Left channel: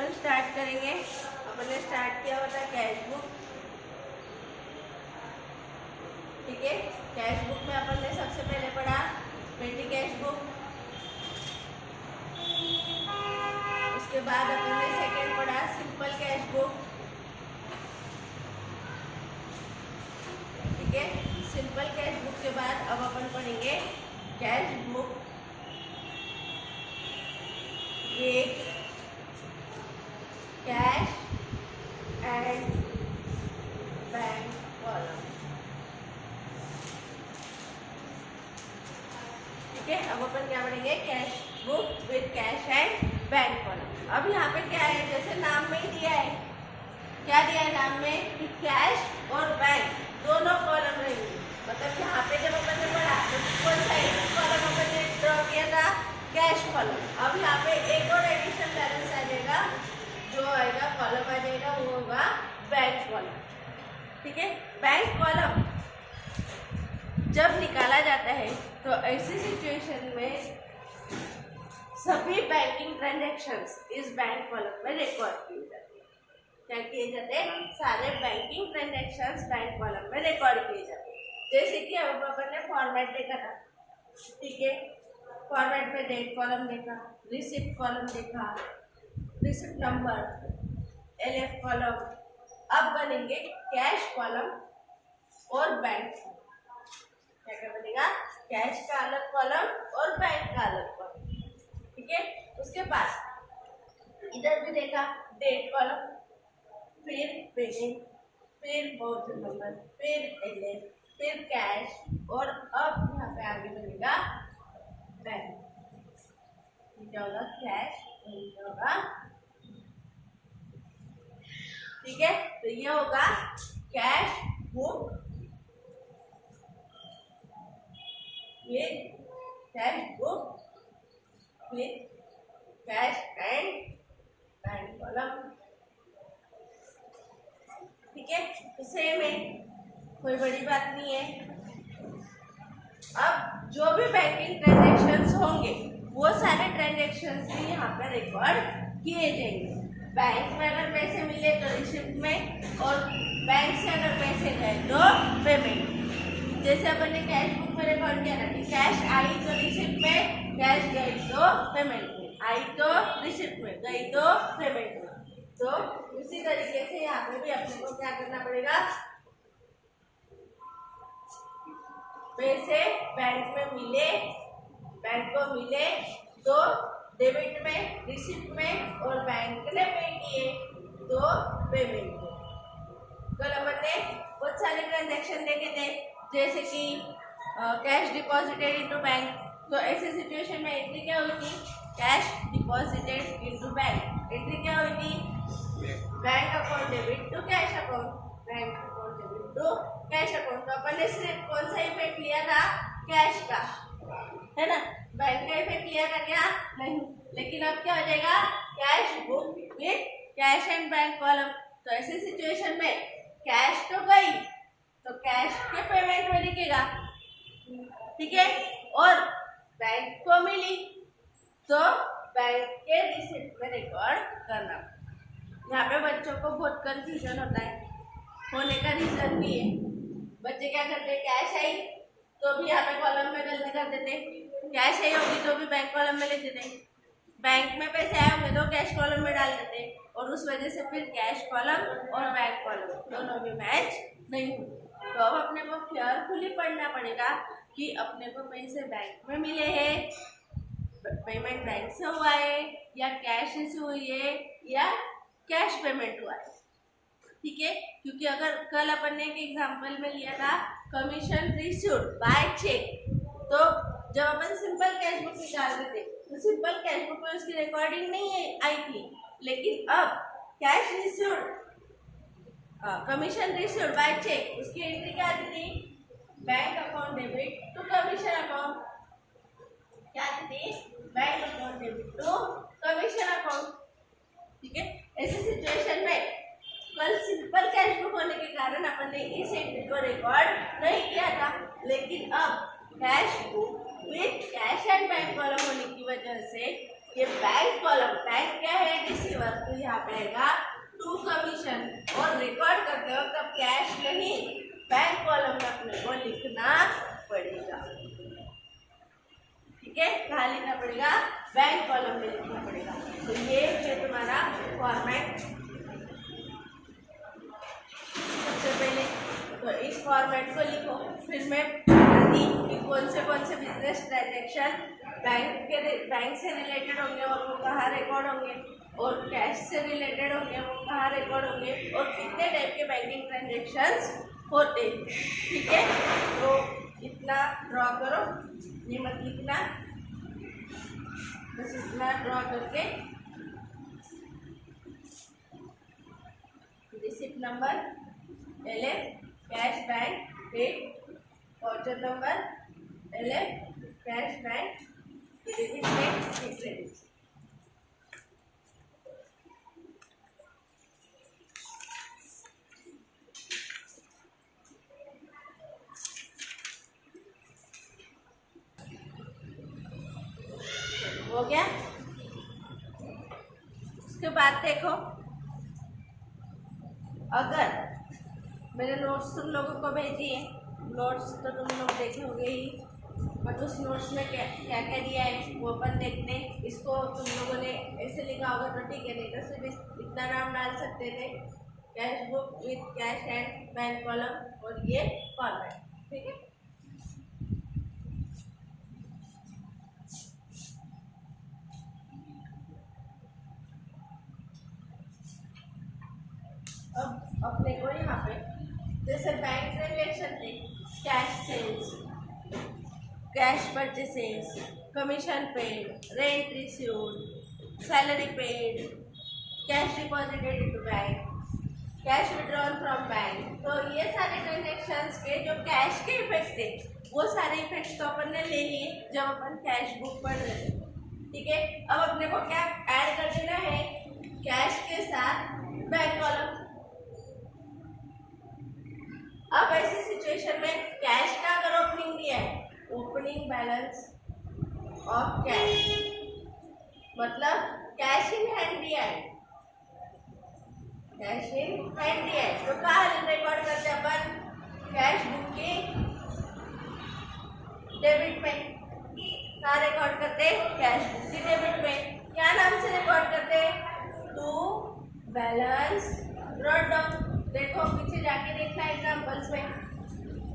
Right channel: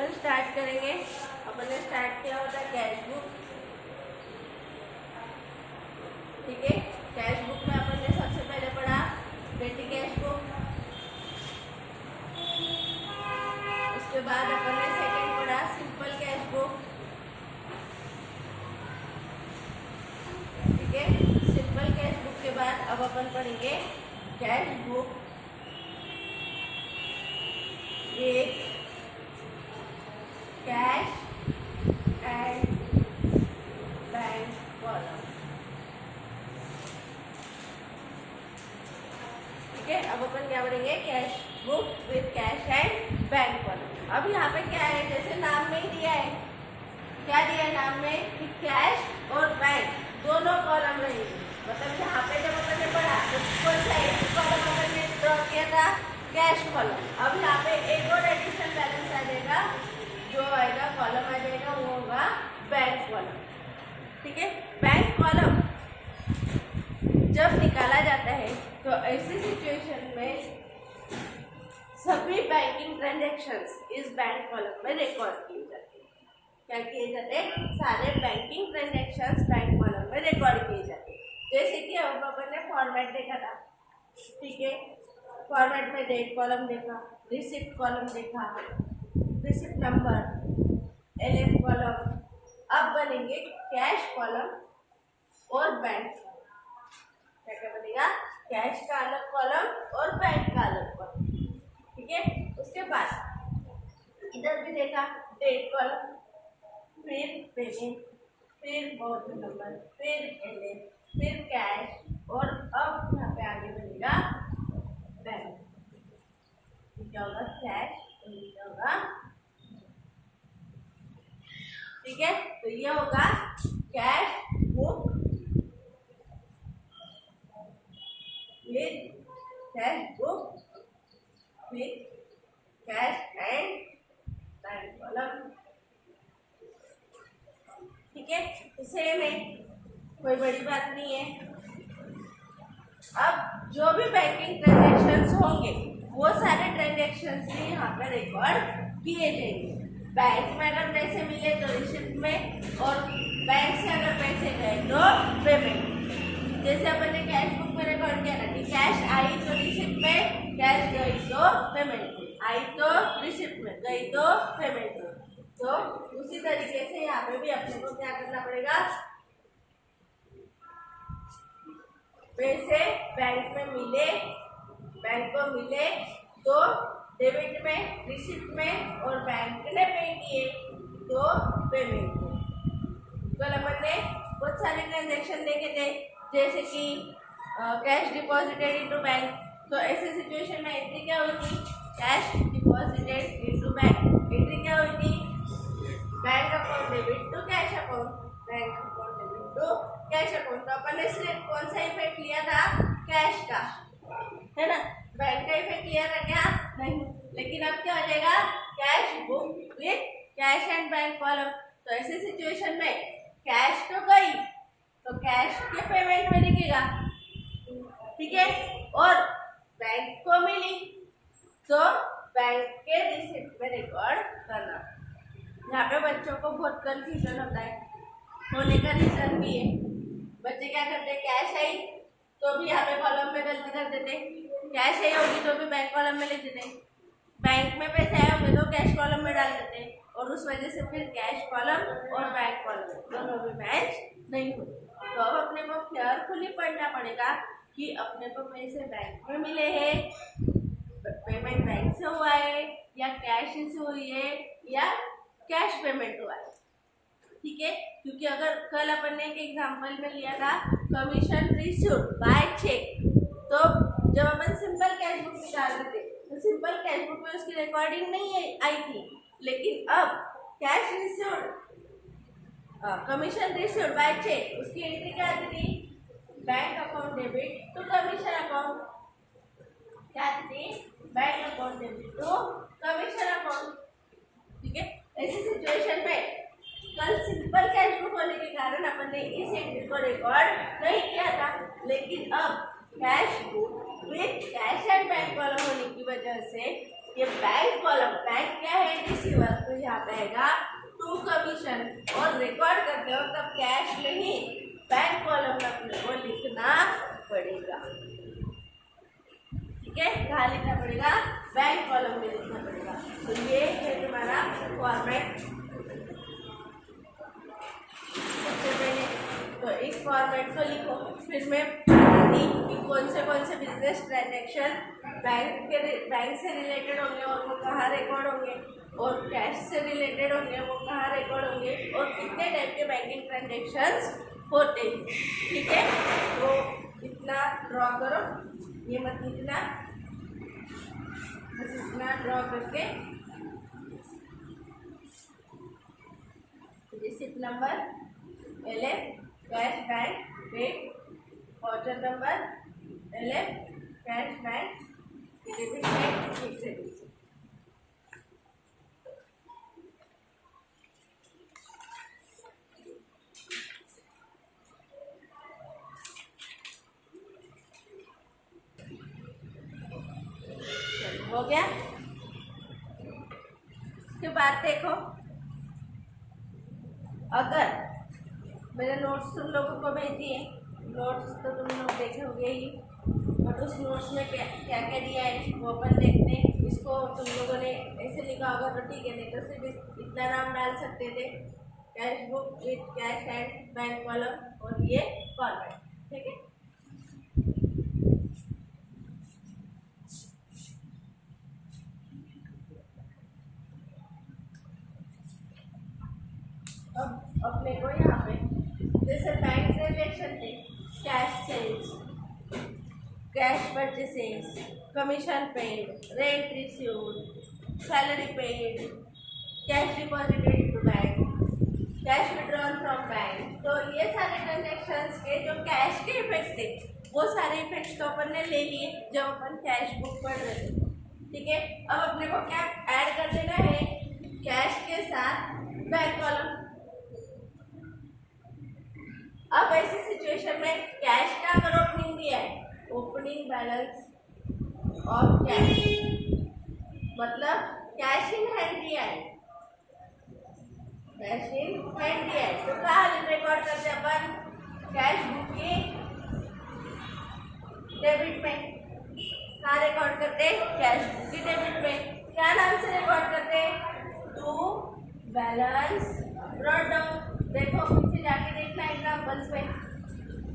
अपन start करेंगे। अपन ने start किया होता कैश बुक, ठीक है। कैश बुक में अपन ने सबसे पहले पढ़ा पेटी कैश बुक, उसके बाद अपन ने सेकंड पढ़ा सिंपल कैश बुक, ठीक है। सिंपल कैश बुक के बाद अब अपन पढ़ेंगे cash book with cash and bank column, ठीक है। अब अपन क्या पढ़ेंगे cash book with cash and bank column. अब यहाँ पे क्या है, जैसे नाम में ही दिया है, क्या दिया है नाम में कि कैश और बैंक दोनों कॉलम रहेंगे। मतलब यहाँ पे जब अपन ने पढ़ा तो कौन सा एक कॉलम अपन ने ड्रॉ किया था, कैश कॉलम। अब यहाँ पे एक और एडिशनल बैलेंस आ जाएगा, जो आएगा कॉलम आ जाएगा वो होगा बैंक कॉलम, ठीक है। बैंक कॉलम जब निकाला जाता है तो ऐसी सिचुएशन में सभी बैंकिंग ट्रांजैक्शंस इस बैंक कॉलम में रिकॉर्ड किए जाते हैं। क्या किए जाते हैं, सारे बैंकिंग ट्रांजैक्शंस बैंक कॉलम में रिकॉर्ड किए जाते हैं। जैसे कि अब अपन ने फॉर्मेट देखा था, ठीक है। फॉर्मेट में डेट कॉलम देखा, रिसिप्ट कॉलम देखा, रिसिप्ट नंबर, एलएफ कॉलम। अब बनेंगे कैश कॉलम और बैंक। क्या क्या बनेगा, कैश का अलग कॉलम और बैंक का अलग कॉलम, ठीक है। उसके बाद इधर भी देखा डेट कॉलम, फिर पेमेंट, फिर वाउचर नंबर, फिर एलएफ, फिर कैश, और अब यहाँ पे आगे बनेगा बैंक। क्या होगा, कैश और क्या होगा, ठीक है। तो ये होगा cash book with cash book with cash and bank column, ठीक है। तो सेम है, कोई बड़ी बात नहीं है। अब जो भी बैंकिंग ट्रांजैक्शंस होंगे वो सारे ट्रांजैक्शंस भी यहाँ पे रिकॉर्ड किए जाएंगे। बैंक में अगर पैसे मिले तो रिसिप्ट में, और बैंक से अगर पैसे गए तो पेमेंट। जैसे अपन ने कैश बुक में रिकॉर्ड किया था कि कैश आई तो रिसिप्ट में, कैश गई तो पेमेंट में, आई तो रिसिप्ट में, गई तो पेमेंट में। तो उसी तरीके से यहाँ पे भी अपने को क्या करना पड़ेगा, पैसे बैंक में मिले, बैंक को मिले तो डेबिट में, रिसिप्ट में, और बैंक ने पे किए तो पेमेंट में। कल अपन ने बहुत सारे ट्रांजैक्शन देखे थे, जैसे कि कैश डिपॉजिटेड इनटू बैंक। तो ऐसे सिचुएशन में एंट्री क्या हुई थी, cash deposited into bank. Entry क्या हुई थी, bank account debit to cash account, bank account debit to cash account. तो अपन ने सिर्फ कौन सा इफेक्ट लिया था, कैश का, है ना। बैंक का इफेक्ट लिया था क्या, नहीं। लेकिन अब क्या हो जाएगा, cash book with cash and bank column. तो ऐसे सिचुएशन में कैश तो गई तो कैश के पेमेंट में दिखेगा, ठीक है। और बैंक को मिली तो बैंक के रिसिप्ट में रिकॉर्ड करना। यहाँ पे बच्चों को बहुत कंफ्यूजन होता है, होने का रीजन भी है। बच्चे क्या करते हैं, कैश आई तो भी यहाँ पे कॉलम में गलती कर देते, कैश आई होगी तो भी बैंक कॉलम में लिख देते, बैंक में पैसे आए होंगे तो कैश कॉलम में डाल देते, और उस वजह से फिर कैश कॉलम और बैंक कॉलम दोनों भी मैच नहीं होते। तो अब अपने को केयरफुली पढ़ना पड़ेगा कि अपने को पैसे बैंक में मिले हैं, पेमेंट बैंक से हुआ है, या कैश से हुई है, या कैश पेमेंट हुआ है, ठीक है। क्योंकि अगर कल अपन ने एक एग्जांपल में लिया था कमीशन रिसीव्ड बाय चेक, तो जब अपन सिंपल कैश बुक निकालते थे तो सिंपल कैश बुक में उसकी रिकॉर्डिंग नहीं आई थी। लेकिन अब cash received, commission received by cheque, उसकी एंट्री क्या आती थी, bank account debit to commission account. क्या आती थी, bank account debit to commission account, ठीक है। ऐसी सिचुएशन में कल सिंपल कैश बुक होने के कारण अपन ने इस एंट्री को रिकॉर्ड नहीं किया था, लेकिन अब cash book with cash and bank column होने की वजह से ये बैंक कॉलम, बैंक क्या है, रिसीवर, तो यहाँ पे आएगा टू कमीशन। और रिकॉर्ड करते हो तब कैश नहीं, बैंक कॉलम में अपने को लिखना पड़ेगा। ठीक है, कहाँ लिखना पड़ेगा? बैंक कॉलम में लिखना पड़ेगा। तो ये है तुम्हारा फॉर्मेट। सबसे पहले तो इस फॉर्मेट को लिखो, फिर मैं बताती कि कौन से बिजनेस ट्रांजेक्शन बैंक से रिलेटेड होंगे और वो कहाँ रिकॉर्ड होंगे, और कैश से रिलेटेड होंगे वो कहाँ रिकॉर्ड होंगे, और कितने टाइप के बैंकिंग ट्रांजेक्शंस होते हैं। ठीक है, तो इतना ड्रॉ करो, ये मत लिखना, बस इतना ड्रॉ करके receipt number LF cash bank date, voucher number LF cash bank debit bank credit. हो गया। उसके बाद देखो, अगर मैंने नोट्स तुम लोगों को भेजी है, नोट्स तो तुम लोग देखे होंगे ही, बट उस नोट्स में क्या क्या दिया है वो अपन देखते हैं। इसको तुम लोगों ने ऐसे लिखा होगा तो ठीक है, नहीं तो सिर्फ इतना नाम डाल सकते थे, cash book with cash and bank column और ये फॉर्मेट। ठीक है, अब अपने को यहाँ पे जैसे बैंक ट्रांजेक्शन थे, cash sales, cash purchases, commission paid, rent received, salary paid, cash deposited into bank, cash withdrawal from bank. तो ये सारे ट्रांजेक्शन्स के जो कैश के इफेक्ट थे वो सारे इफेक्ट्स तो अपन ने ले लिए जब अपन कैश बुक पढ़ रहे थे। ठीक है, अब अपने को क्या ऐड कर देना है? कैश के साथ बैंक कॉलम। अब ऐसी सिचुएशन में कैश का अगर ओपनिंग दिया है, ओपनिंग बैलेंस ऑफ कैश, मतलब कैश इन हैंड दिया है, कैश इन हैंड दिया है, तो कहाँ रिकॉर्ड करते अपन? कैश बुक के डेबिट में। कहाँ रिकॉर्ड करते? कैश बुक के डेबिट में। क्या नाम से रिकॉर्ड करते? To balance brought down. देखो पीछे जाके देखना एग्जाम्पल्स में,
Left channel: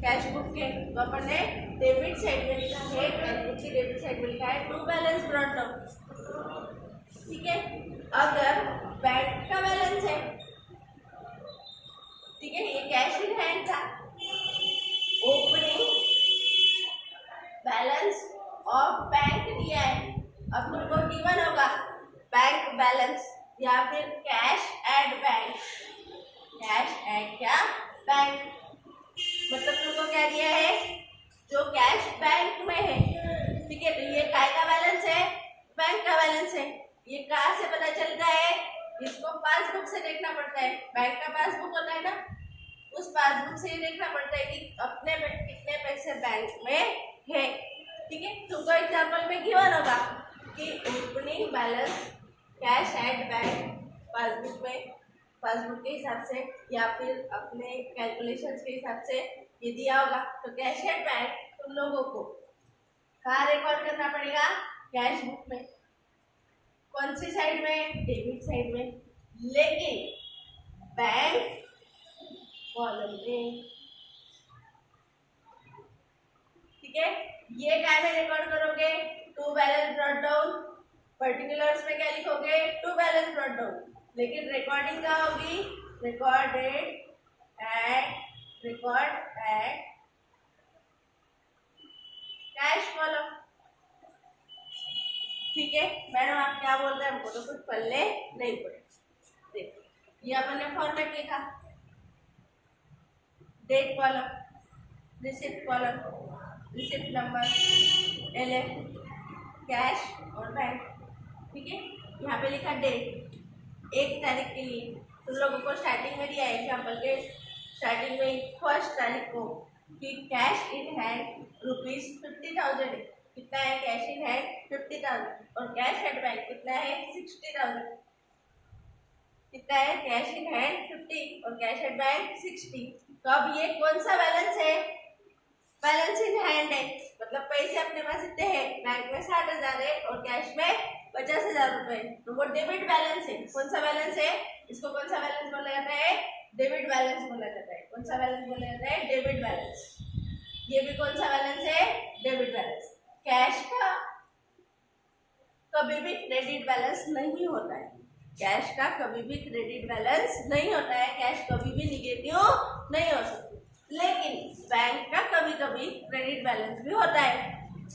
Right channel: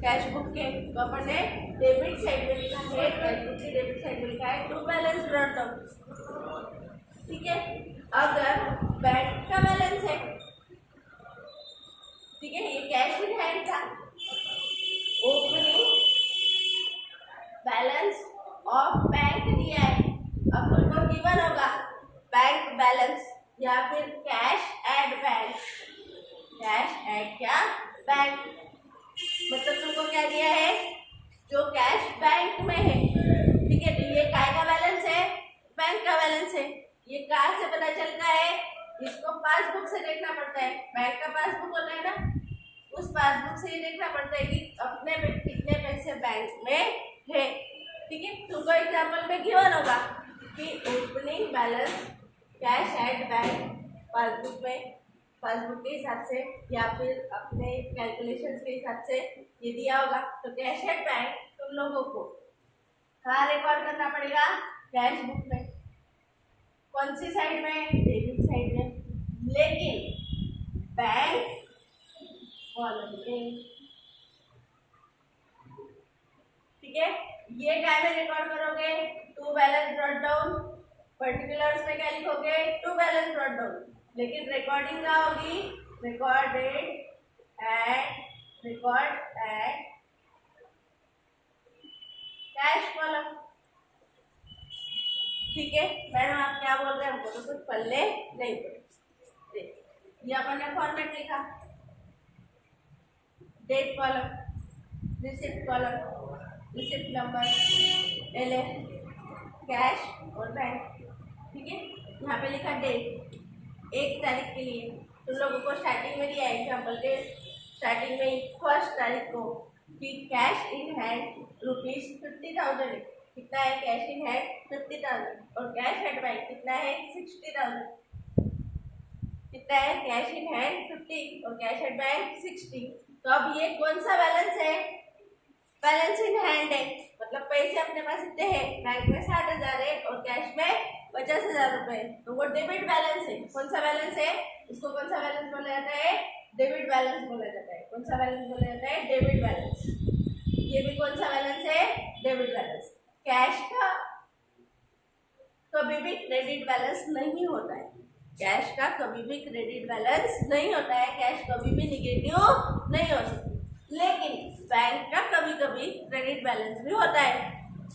कैश बुक के तो अपन ने डेबिट साइड में लिखा है, कैश बुक की डेबिट साइड में लिखा है टू बैलेंस ब्रॉट डाउन। ठीक है, अगर बैंक का बैलेंस है, ठीक है, ये कैश इन हैंड था, ओपनिंग बैलेंस ऑफ बैंक दिया है, अब तुमको गिवन होगा बैंक बैलेंस या फिर cash at bank, cash at क्या? बैंक। मतलब तुमको क्या दिया है? जो कैश बैंक में है। ठीक है, तो ये काय का बैलेंस है? बैंक का बैलेंस है। ये कहाँ से पता चलता है? इसको पासबुक से देखना पड़ता है। बैंक का पासबुक होता है ना, उस पासबुक से ही देखना पड़ता है कि अपने कितने पैसे बैंक में है। ठीक है, तुमको एग्जाम्पल में गिवन होगा कि opening balance cash at bank passbook में, पासबुक के हिसाब से या फिर अपने कैलकुलेशंस के हिसाब से ये दिया होगा। तो कैश एट बैंक तुम लोगों को कहाँ रिकॉर्ड करना पड़ेगा? कैश बुक में। कौन सी साइड में? डेबिट साइड में, लेकिन बैंक कॉलम में। ठीक है, ये क्या में रिकॉर्ड करोगे? To balance brought down. Particulars में क्या लिखोगे? To balance brought down. लेकिन रिकॉर्डिंग क्या होगी? Record at cash column. ठीक है, मैडम आप क्या बोल रहे हैं? हमको तो कुछ पल्ले नहीं पड़े। देख, ये अपन ने फॉर्मेट लिखा, date column, receipt column, receipt number LF cash और बैंक। ठीक है, यहाँ पे लिखा डेट 1 तारीख के लिए। तुम लोगों को स्टार्टिंग में दिया एग्जाम्पल के स्टार्टिंग में 1 तारीख को कि कैश इन हैंड ₹50,000 है। कितना है कैश इन हैंड? 50,000। और कैश एट बैंक कितना है? 60,000। कितना है, कैश इन हैंड 50 और कैश एट बैंक 60। तो अब ये कौन सा बैलेंस है, बैलेंस इन हैंड है, मतलब पैसे अपने पास इतने हैं, बैंक में 60,000 है और कैश में 50,000 रुपए, तो वो डेबिट बैलेंस है। कौन सा बैलेंस है, इसको कौन सा बैलेंस बोला जाता है, डेबिट बैलेंस बोला जाता है। कौन सा बैलेंस बोला जाता है, डेबिट बैलेंस। ये भी कौन सा बैलेंस है, डेबिट बैलेंस। कैश का कभी भी क्रेडिट बैलेंस नहीं होता है, कैश का कभी भी क्रेडिट बैलेंस नहीं होता है, कैश कभी भी निगेटिव नहीं हो सकती। लेकिन बैंक का कभी कभी क्रेडिट बैलेंस भी होता है,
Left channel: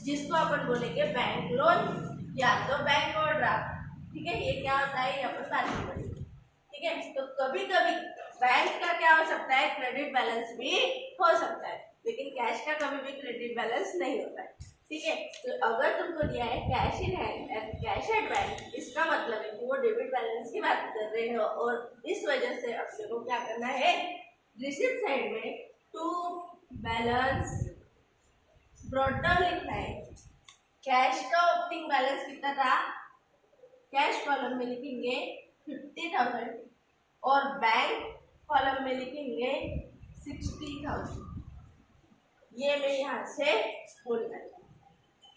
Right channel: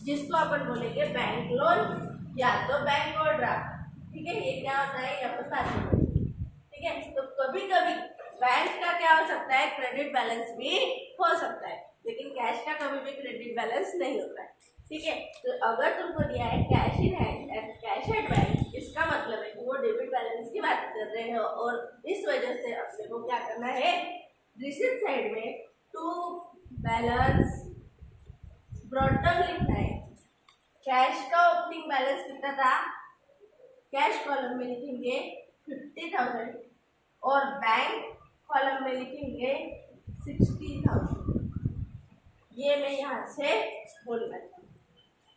जिसको अपन बोलेंगे बैंक लोन या तो बैंक ओवरड्राफ्ट। ठीक है, ये क्या होता है, ये अपन बात में पढ़ेंगे। ठीक है, तो कभी कभी बैंक का क्या हो सकता है, क्रेडिट बैलेंस भी हो सकता है, लेकिन कैश का कभी भी क्रेडिट बैलेंस नहीं होता है। ठीक है, तो अगर तुमको दिया है cash in hand and cash at bank, इसका मतलब है कि वो डेबिट बैलेंस की बात कर रहे हो, और इस वजह से अपने को क्या करना है, रिसीप्ट साइड में टू बैलेंस ब्रॉट डाउन लिखना है। कैश का ओपनिंग बैलेंस कितना था, कैश कॉलम में लिखेंगे 50,000 और बैंक कॉलम में लिखेंगे 60,000। ये मैं यहाँ से बोलना चाहूँ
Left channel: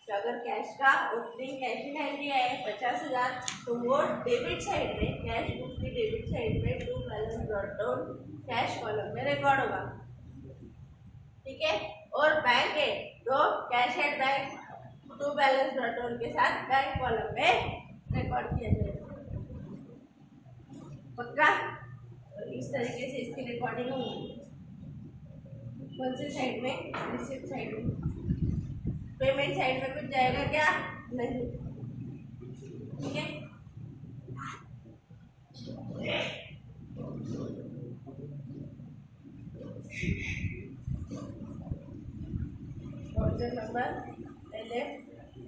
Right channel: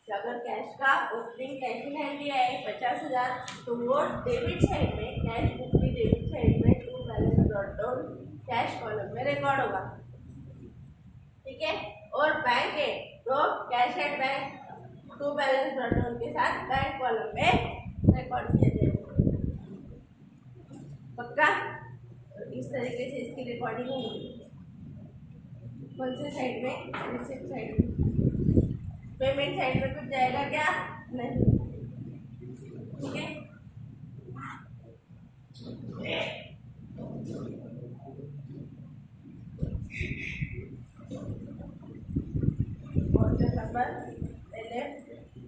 कि अगर कैश का ओपनिंग कैश इन हैंड दिया है 50,000, तो वो डेबिट साइड में, कैश बुक की डेबिट साइड में to balance brought down cash column में रिकॉर्ड होगा। ठीक है, और बैंक है तो cash at bank to balance brought down के साथ बैंक कॉलम में रिकॉर्ड किया जाएगा। पक्का, तो इस तरीके से इसकी रिकॉर्डिंग होगी। कौन से साइड में, रिसिप्ट साइड में। पेमेंट साइड में कुछ जाएगा क्या, नहीं। ठीक है, और जो नंबर LF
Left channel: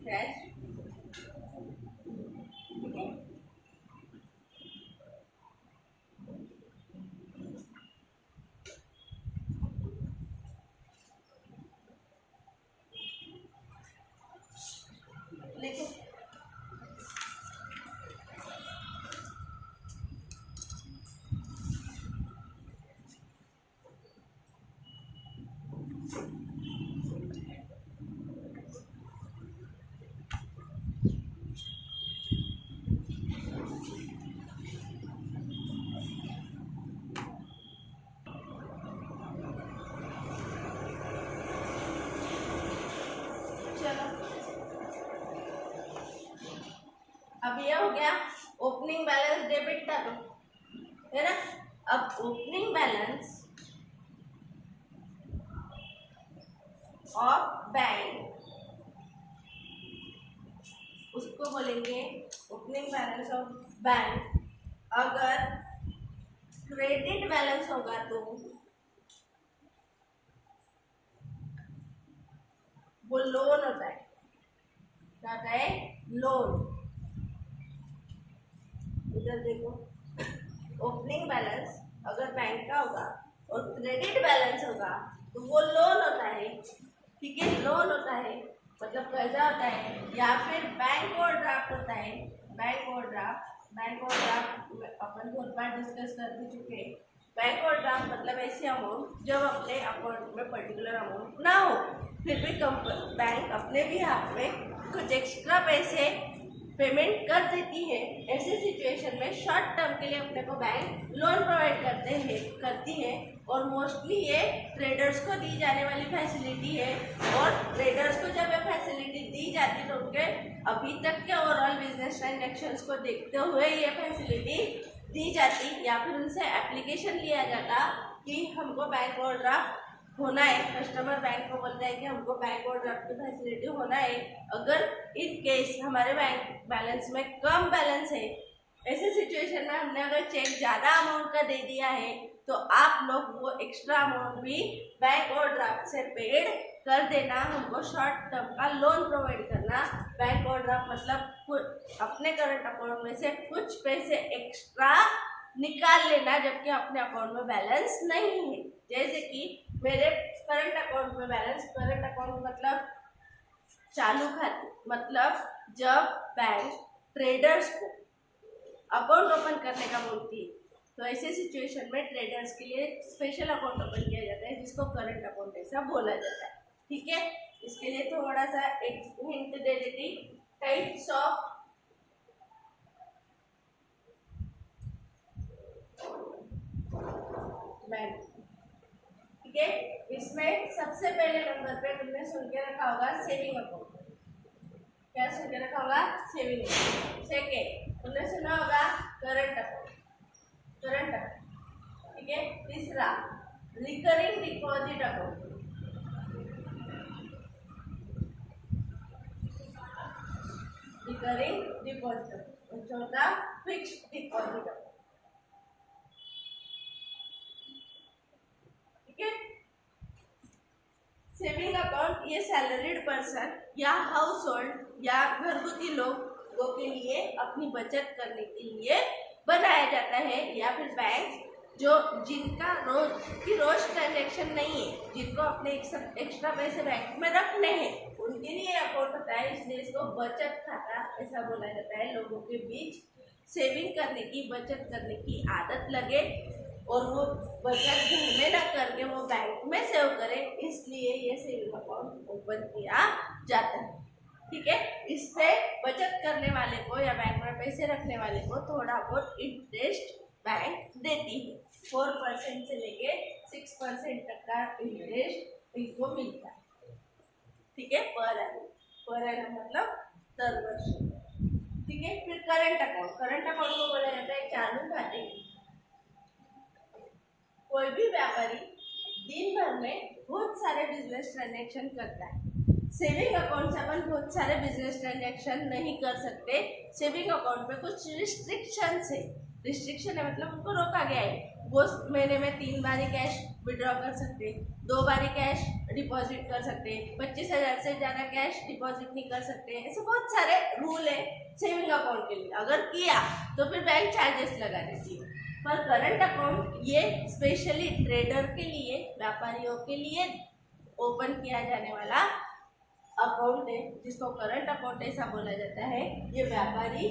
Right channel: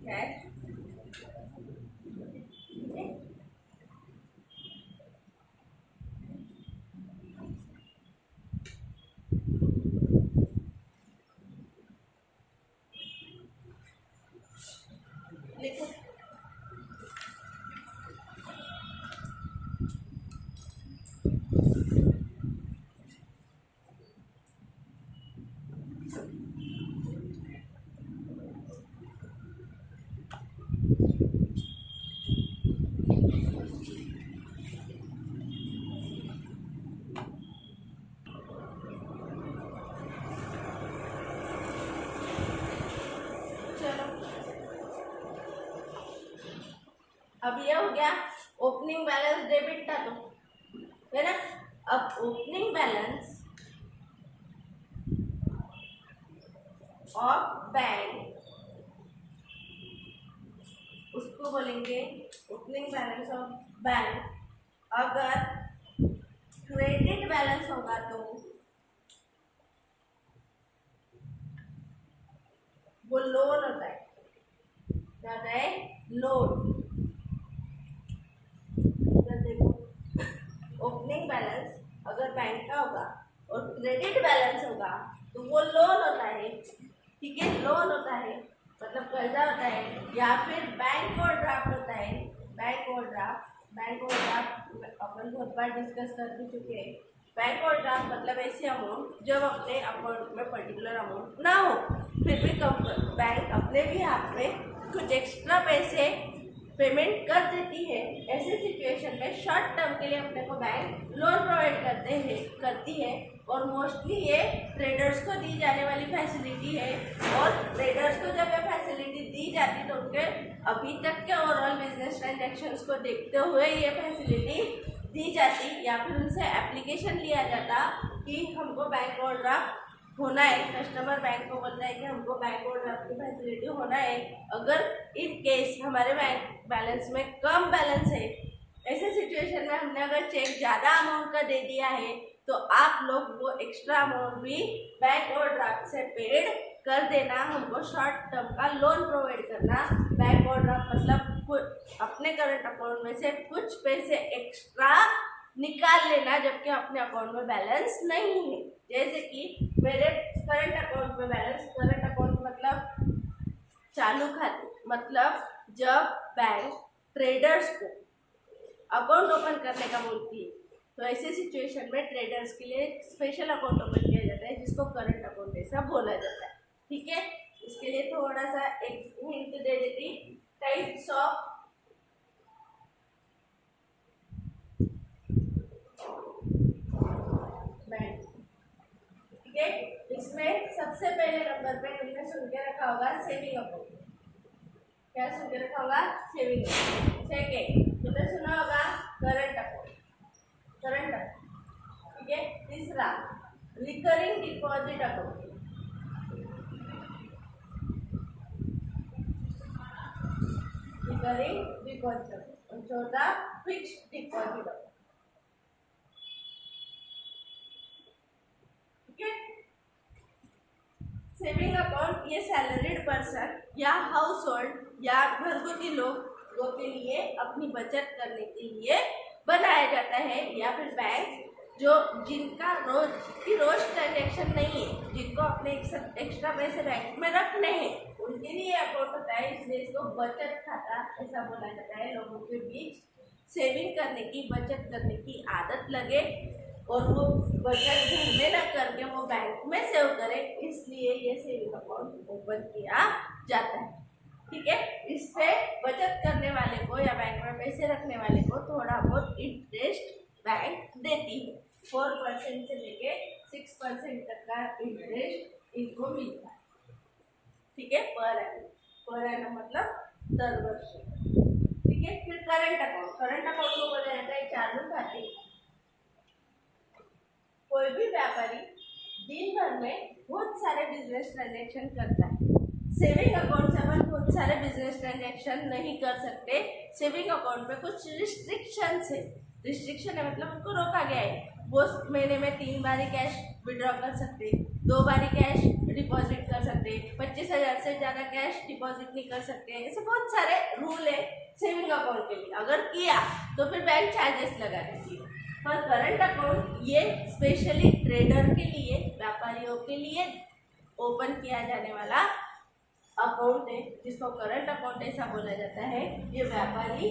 कैश। ठीक है, लिखो। अब ये हो गया ओपनिंग बैलेंस, डेबिट था तो, है ना। अब ओपनिंग बैलेंस ऑफ बैंक, उसको बोलेंगे ओपनिंग बैलेंस ऑफ बैंक। अगर क्रेडिट बैलेंस होगा तो वो लोन होता है, क्या होता है, लोन। इधर देखो, ओपनिंग बैलेंस अगर बैंक का होगा और क्रेडिट बैलेंस होगा तो वो लोन होता है। ठीक है, लोन होता है मतलब कर्जा होता है, या फिर बैंक ओवरड्राफ्ट होता है। बैंक ओवरड्राफ्ट अपन बहुत बार डिस्कस कर भी चुके हैं। बैंक ओवरड्राफ्ट मतलब ऐसी अमाउंट जब अपने अकाउंट में पर्टिकुलर अमाउंट ना हो, फिर भी बैंक अपने भी हाथ में कुछ एक्स्ट्रा पैसे पेमेंट कर देती है। ऐसे सिचुएशन में शॉर्ट टर्म के लिए अपने को बैंक लोन प्रोवाइड करती है, और मोस्टली ये ट्रेडर्स को दी जाने वाली फैसिलिटी है। और ट्रेडर्स को जब ये फैसिलिटी दी जाती तो उनके अभी तक के ओवरऑल बिजनेस ट्रांजैक्शंस को देखते हुए ये फैसिलिटी दी जाती, या फिर उनसे एप्लीकेशन लिया जाता कि हमको बैंक ओवरड्राफ्ट होना है। कस्टमर बैंक को बोलता है कि हमको बैंक ओवरड्राफ्ट की फैसिलिटी होना है। अगर इन केस हमारे बैंक बैलेंस में कम बैलेंस है, ऐसे सिचुएशन में हमने अगर चेक ज़्यादा अमाउंट का दे दिया है, तो आप लोग वो एक्स्ट्रा अमाउंट भी बैंक ओवरड्राफ्ट से पेड कर देना। हमको शॉर्ट टर्म का लोन प्रोवाइड करना। बैंक ओवरड्राफ्ट मतलब अपने करंट अकाउंट में से कुछ पैसे एक्स्ट्रा निकाल लेना जबकि अपने अकाउंट में बैलेंस नहीं है। जैसे कि मेरे करंट अकाउंट में बैलेंस, करंट अकाउंट मतलब चालू खाते, मतलब जब बैंक ट्रेडर्स को अकाउंट ओपन करने का बोलती है तो ऐसे सिचुएशन में ट्रेडर्स के लिए स्पेशल अकाउंट ओपन किया जाता है जिसको करंट अकाउंट ऐसा बोला जाता है। ठीक है, इसके लिए थोड़ा सा एक हिंट दे देती, टाइप्स ऑफ बैंक। ठीक है, इसमें सबसे पहले नंबर पे तुमने सुन के रखा होगा सेविंग अकाउंट। क्या सुन के रखा होगा? Saving account. सेकेंड तुमने सुना होगा करंट अकाउंट, करंट अकाउंट। ठीक है, तीसरा recurring deposit account, recurring deposit account. और चौथा फिक्स्ड डिपॉजिट अकाउंट। ठीक है, सेविंग अकाउंट ये सैलरीड पर्सन या हाउस होल्ड या घरगुती लोगों के लिए अपनी बचत करने के लिए बनाया जाता है, या फिर बैंक जो जिनका रोज ट्रांजैक्शन नहीं है, जिनको अपने एक्स्ट्रा पैसे बैंक में रखने हैं, उनके लिए अकाउंट होता है। इसलिए इसको बचत खाता ऐसा बोला जाता है। लोगों के बीच सेविंग करने की, बचत करने की आदत लगे और वो बचत घर में ना करके वो बैंक में सेव करे, इसलिए ये सेविंग अकाउंट ओपन किया जाता है। ठीक है, इससे बचत करने वाले को या बैंक में पैसे रखने वाले को थोड़ा बहुत इंटरेस्ट बैंक देती है। 4% से लेके 6% तक का इंटरेस्ट इनको मिलता है। ठीक है, पर एनम मतलब दर वर्ष। ठीक है, फिर करंट अकाउंट, करंट अकाउंट को बोला जाता है चालू खाते। कोई भी व्यापारी दिन भर में बहुत सारे बिजनेस ट्रांजैक्शन करता है। सेविंग अकाउंट से अपन बहुत सारे बिजनेस ट्रांजैक्शन नहीं कर सकते। सेविंग अकाउंट में कुछ रिस्ट्रिक्शंस है। रिस्ट्रिक्शन है मतलब उनको रोका गया है। वो महीने में 3 बार ही कैश विड्रॉ कर सकते, 2 बार ही कैश डिपॉजिट कर सकते, 25,000 से ज़्यादा कैश डिपॉजिट नहीं कर सकते। ऐसे बहुत सारे रूल है सेविंग अकाउंट के लिए। अगर किया तो फिर बैंक चार्जेस लगा देती है। पर करंट अकाउंट ये स्पेशली ट्रेडर के लिए, व्यापारियों के लिए ओपन किया जाने वाला अकाउंट है, जिसको करंट अकाउंट ऐसा बोला जाता है। ये व्यापारी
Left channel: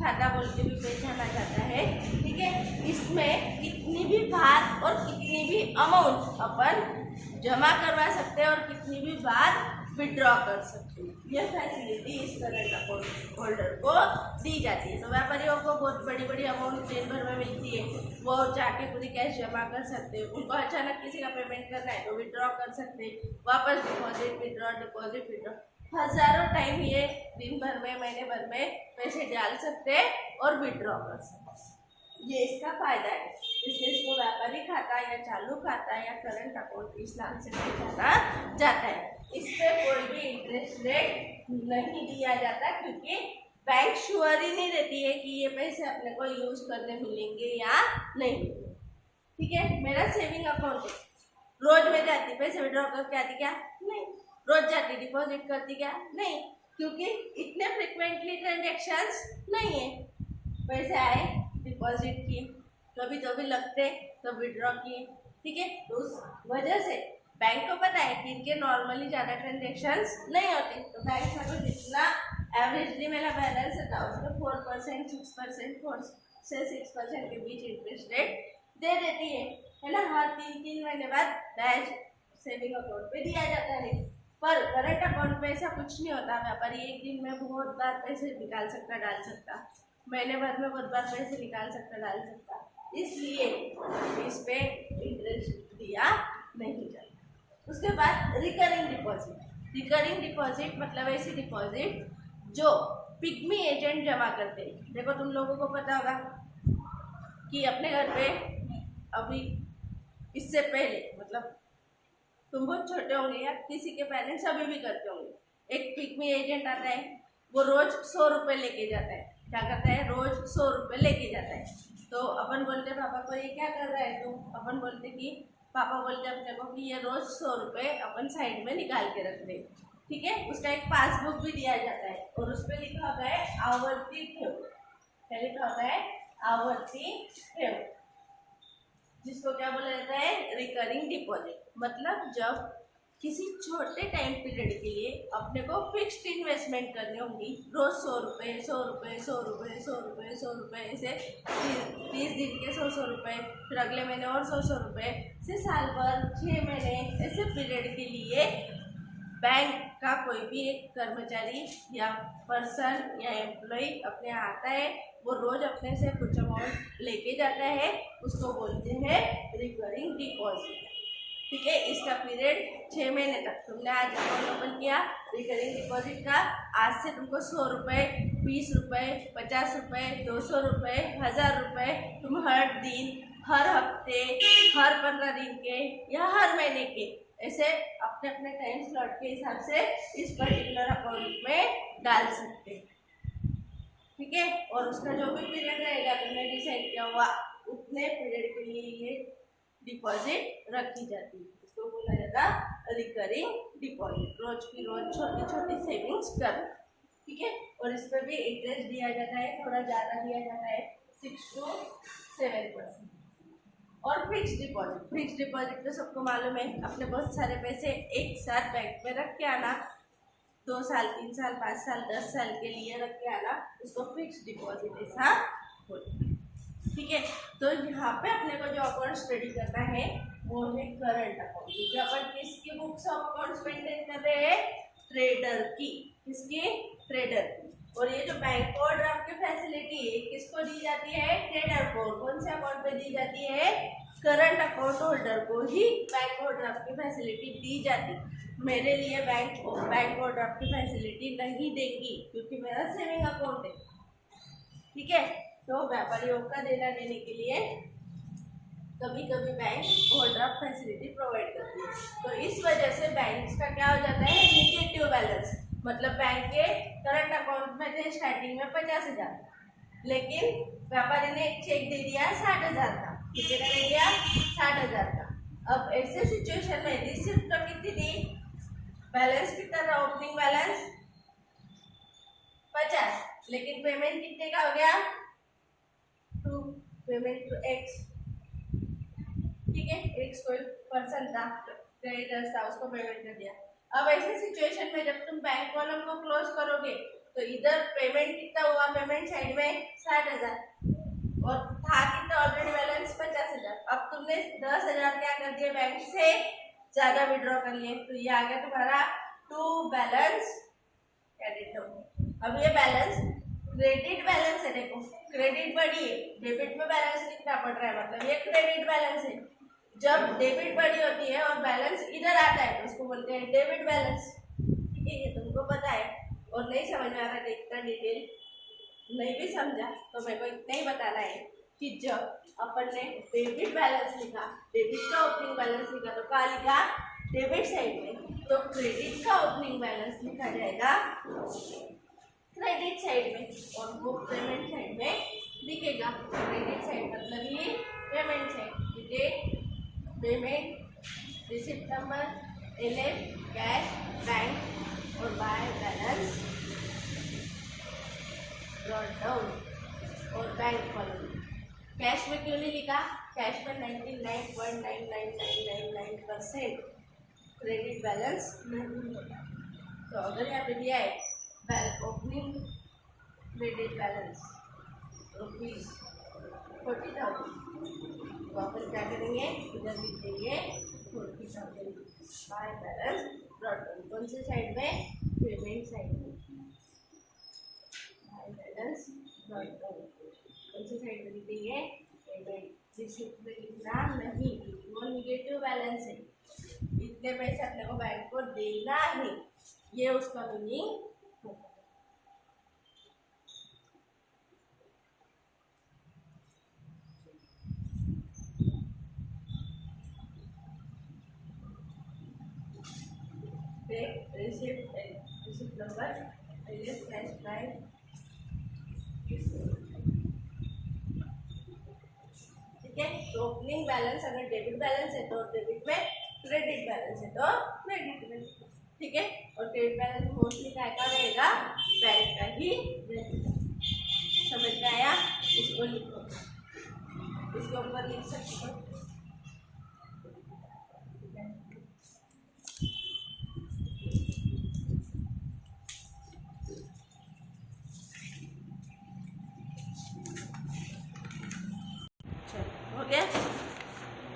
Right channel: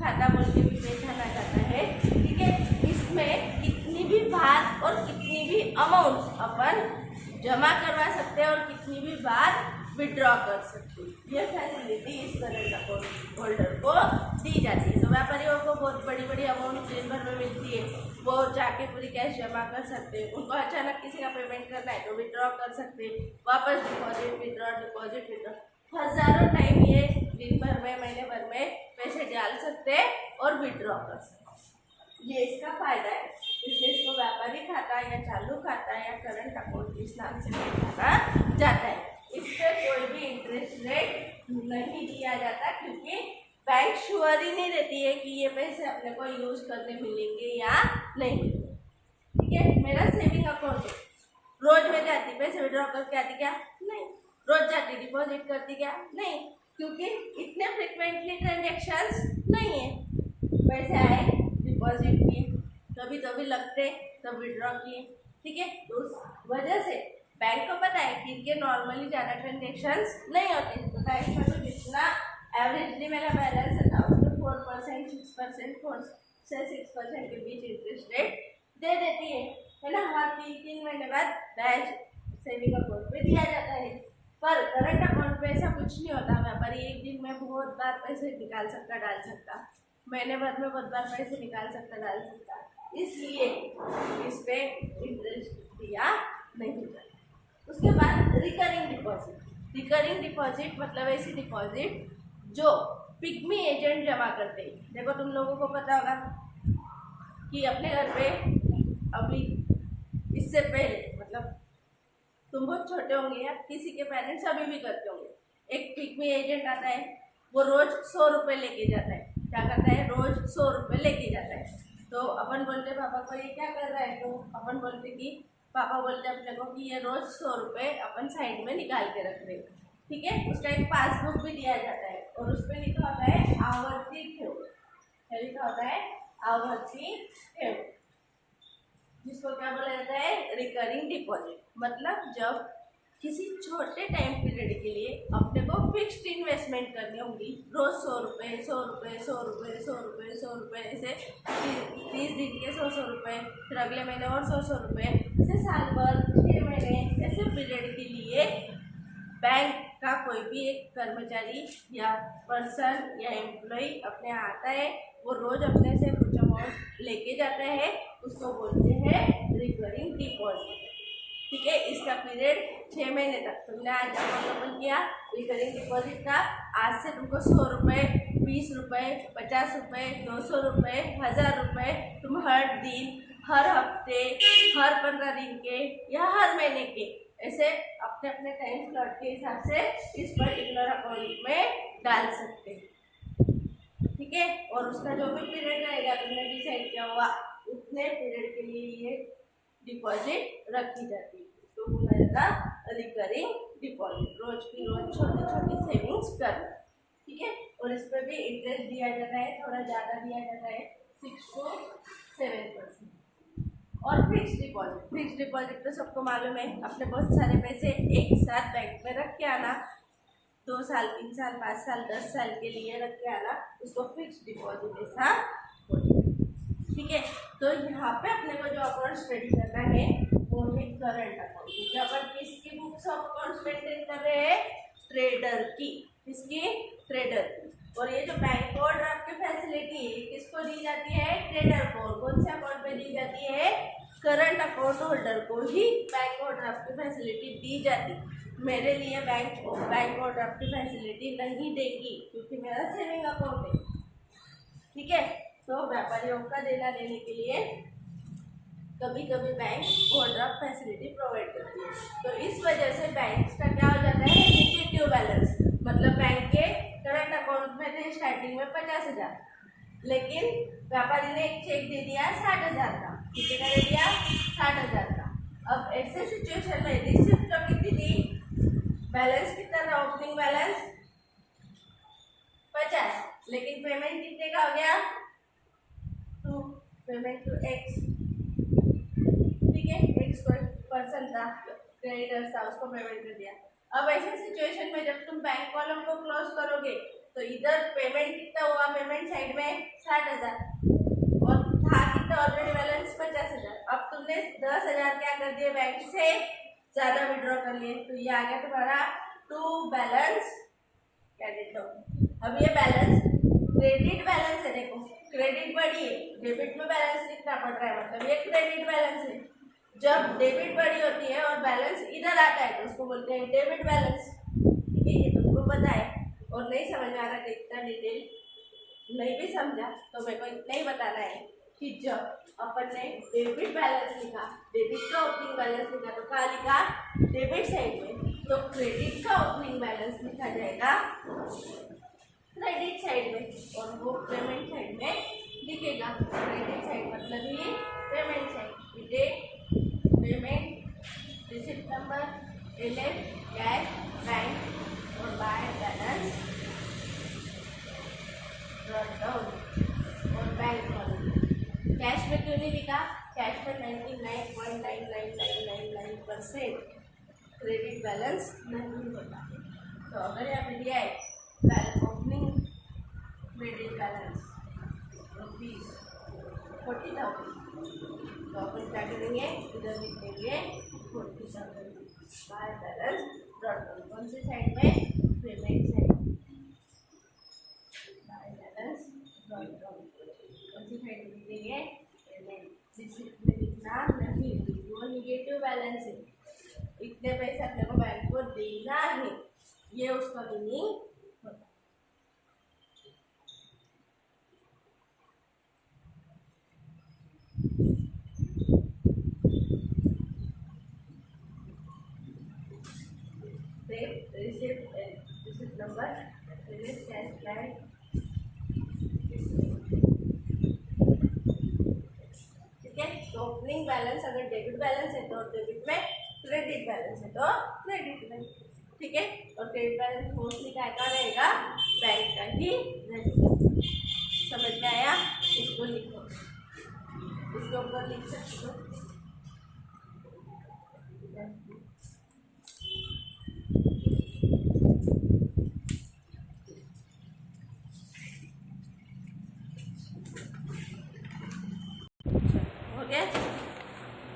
खाता बोल के भी पहचाना जाता है। ठीक है, इसमें कितनी भी बार और कितनी भी अमाउंट अपन जमा करवा सकते हैं और कितनी भी बार विड्रॉ कर सकते हैं। यह फैसिलिटी इस करंट अकाउंट होल्डर को दी जाती है। तो व्यापारियों को बहुत बड़ी बड़ी अमाउंट दिन भर में मिलती है, वो जाके पूरी कैश जमा कर सकते हैं। उनको अचानक किसी का पेमेंट करना है तो विड्रॉ कर सकते हैं, वापस डिपॉजिट विड्रॉ, डिपॉजिट विड्रॉ, हजारों टाइम ये दिन भर में, महीने भर में पैसे डाल सकते हैं और विड्रॉ कर सकते हैं। ये इसका फायदा है। इसलिए इसको व्यापारी खाता या चालू खाता या करंट अकाउंट इस नाम से पहचाना जाता है। इस पर कोई भी इंटरेस्ट रेट नहीं दिया जाता, क्योंकि बैंक श्योर ही नहीं रहती है कि ये पैसे अपने को यूज करने मिलेंगे या नहीं मिलेंगे। ठीक है, मेरा सेविंग अकाउंट है, रोज में जाती पैसे विड्रॉ करके आती क्या? नहीं। रोज जाती डिपॉजिट करती क्या? नहीं, क्योंकि इतने फ्रिक्वेंटली ट्रांजेक्शन्स नहीं है। पैसे आए डिपॉजिट किए, कभी तो भी लगते तब विड्रॉ किए। ठीक है, तो उस वजह से बैंक को पता है कि इनके नॉर्मली ज़्यादा ट्रांजेक्शन्स नहीं होते, तो बैंक का तो जितना एवरेजली मेरा बैलेंस था उसमें 4%, 6%, 4 से 6% के बीच इंटरेस्ट रेट दे देती है ना। हर 3-3 महीने बाद बैच सेविंग अकाउंट पे दिया जाता है। पर करंट अकाउंट पे ऐसा कुछ नहीं होता। व्यापारी एक दिन में बहुत बार पैसे निकाल सकता, डाल सकता, महीने भर में बहुत बार पैसे निकाल सकता, डाल सकता, इसलिए इस पे इंटरेस्ट दिया नहीं जाता। उसके बाद रिकरिंग डिपॉजिट। रिकरिंग डिपॉजिट मतलब ऐसी डिपॉजिट जो पिग्मी एजेंट जमा करते हैं। देखो, तुम लोगों को पता होगा कि अपने घर पे अभी इससे पहले, मतलब तुम बहुत छोटे होंगे या किसी के पेरेंट्स अभी भी करते होंगे, एक पिग्मी एजेंट आता है, वो रोज 100 रुपये लेके जाता है। क्या करता है? रोज 100 रुपये लेके जाता है। तो अपन बोलते पापा को ये क्या कर रहा है, तो अपन बोलते कि पापा बोलते अपने को कि ये रोज 100 रुपये अपन साइड में निकाल के रख रहे। ठीक है, उसका एक पासबुक भी दिया जाता है और उस पर लिखा होता है आवर्ती ठेव। क्या लिखा होता है? आवर्ती ठेव, जिसको क्या बोला जाता है? Recurring deposit. मतलब जब किसी छोटे टाइम पीरियड के लिए अपने को फिक्स्ड इन्वेस्टमेंट करनी होगी। रोज 100 रुपये 100 रुपये 100 रुपये 100 रुपये 100 रुपये, ऐसे 30 दिन के 100 100 रुपये, फिर अगले महीने और 100 100 रुपये, ऐसे साल भर 6 महीने ऐसे पीरियड के लिए बैंक का कोई भी एक कर्मचारी या पर्सन या एम्प्लॉय अपने यहाँ आता है, वो रोज अपने से कुछ अमाउंट लेके जाता है, उसको बोलते हैं रिकरिंग डिपॉजिट। ठीक है, इसका पीरियड 6 महीने तक। तुमने आज अकाउंट ओपन किया रिकरिंग डिपॉजिट का, आज से तुमको 100 रुपये 20 रुपये 50 रुपये 200 रुपये 1000 रुपये तुम हर दिन, हर हफ्ते, हर 15 दिन के या हर महीने के ऐसे अपने अपने टाइम स्लॉट के हिसाब से इस पर्टिकुलर अकाउंट में डाल सकते हैं। ठीक है, और उसका जो भी पीरियड रहेगा तुमने डिसाइड किया हुआ, उतने पीरियड के लिए ये डिपॉजिट रखी जाती है। इसको बोला जाता है रिकरिंग डिपॉजिट। रोज की रोज छोटी छोटी सेविंग्स करना। ठीक है, और इस पर भी इंटरेस्ट दिया जाता है, थोड़ा ज़्यादा दिया जाता है, 6 to 7%। और फिक्स डिपॉजिट तो सबको मालूम है, अपने बहुत सारे पैसे एक साथ बैंक में रख के आना, 2 साल 3 साल 5 साल 10 साल के लिए रख के आना, उसको फिक्स डिपॉजिट ऐसा बोलते हैं। ठीक है, तो यहाँ पे अपने को जो अकाउंट स्टडी करना है वो है करंट अकाउंट। क्योंकि अपन किसकी बुक्स ऑफ अकाउंट्स मेंटेन कर रहे हैं? ट्रेडर की। किसकी? ट्रेडर की। और ये जो बैंक ओवरड्राफ्ट की फैसिलिटी है किसको दी जाती है? ट्रेडर को। कौन से अकाउंट पे दी जाती है? करंट अकाउंट होल्डर को ही बैंक ओवरड्राफ्ट की फैसिलिटी दी जाती है। मेरे लिए बैंक ओवरड्राफ्ट की फैसिलिटी नहीं देगी क्योंकि मेरा सेविंग अकाउंट है। ठीक है, तो व्यापारियों का देना देने के लिए कभी कभी बैंक ओवरड्राफ्ट फैसिलिटी प्रोवाइड करती है। तो इस वजह से बैंक का क्या हो जाता है? Negative balance. मतलब बैंक के करंट अकाउंट में थे स्टार्टिंग में 50,000, लेकिन व्यापारी ने एक चेक दे दिया 60,000 का। कितने का दे दिया? 60,000 का। अब ऐसे सिचुएशन में रिसिप्ट तो कितनी दी? बैलेंस कितना था? ओपनिंग बैलेंस 50, लेकिन पेमेंट कितने का हो गया? Payment to X. ठीक है, एक्स कोई पर्सन था, क्रेडिटर्स था, उसको पेमेंट कर दिया। अब ऐसे सिचुएशन में जब तुम बैंक कॉलम को क्लोज करोगे तो इधर पेमेंट कितना हुआ? पेमेंट साइड में 60,000 और था कितना ऑलरेडी बैलेंस? 50,000। अब तुमने 10,000 क्या कर दिए? बैंक से ज्यादा विड्रॉ कर लिए, तो ये आ गया तुम्हारा टू बैलेंस क्रेडिट। अब ये बैलेंस क्रेडिट बैलेंस है। देखो, क्रेडिट बढ़ी है, डेबिट में बैलेंस कितना बढ़ रहा है, मतलब ये क्रेडिट बैलेंस है। जब डेबिट बढ़ी होती है और बैलेंस इधर आता है तो उसको बोलते हैं डेबिट बैलेंस। ठीक है, ये तुमको पता है। और नहीं समझ में आ रहा कि इतना डिटेल नहीं भी समझा तो मेरे को इतना ही बताना है कि जब अपन ने डेबिट बैलेंस लिखा, डेबिट का ओपनिंग बैलेंस लिखा, तो कहाँ लिखा? डेबिट साइड में। तो क्रेडिट का ओपनिंग बैलेंस लिखा जाएगा क्रेडिट साइड में और वो पेमेंट साइड में दिखेगा। क्रेडिट साइड मतलब ये payment side. Date, payment, receipt number, LF, cash, bank और बाय बैलेंस, ब्रॉट डाउन और बैंक कॉलम। कैश में क्यों नहीं लिखा? कैश में 99.99999% क्रेडिट बैलेंस नहीं होता। तो अगर यहाँ पे दिया है ओपनिंग क्रेडिट बैलेंस ₹40,000, तो अपन क्या करेंगे? इधर लिख देंगे 40,000 बाय बैलेंस ब्रॉट डाउन। कौन से साइड में? Payment side. Bye balance brought down कौन से साइड में लिख देंगे? पेमेंट। रिसिप्ट में लिखना नहीं, वो निगेटिव बैलेंस है। इतने पैसे अपने को बैंक को देना ही, ये उसका मीनिंग होता है। Receipt number, LF, cash, bank. ठीक है, तो ओपनिंग बैलेंस अगर डेबिट बैलेंस है तो डेबिट में, क्रेडिट बैलेंस है तो क्रेडिट में। ठीक है, और क्रेडिट बैलेंस मोस्टली क्या रहेगा? बैंक का ही रहेगा। समझ में आया? इसको लिखो, इसके ऊपर लिख सकते हो। ठीक है।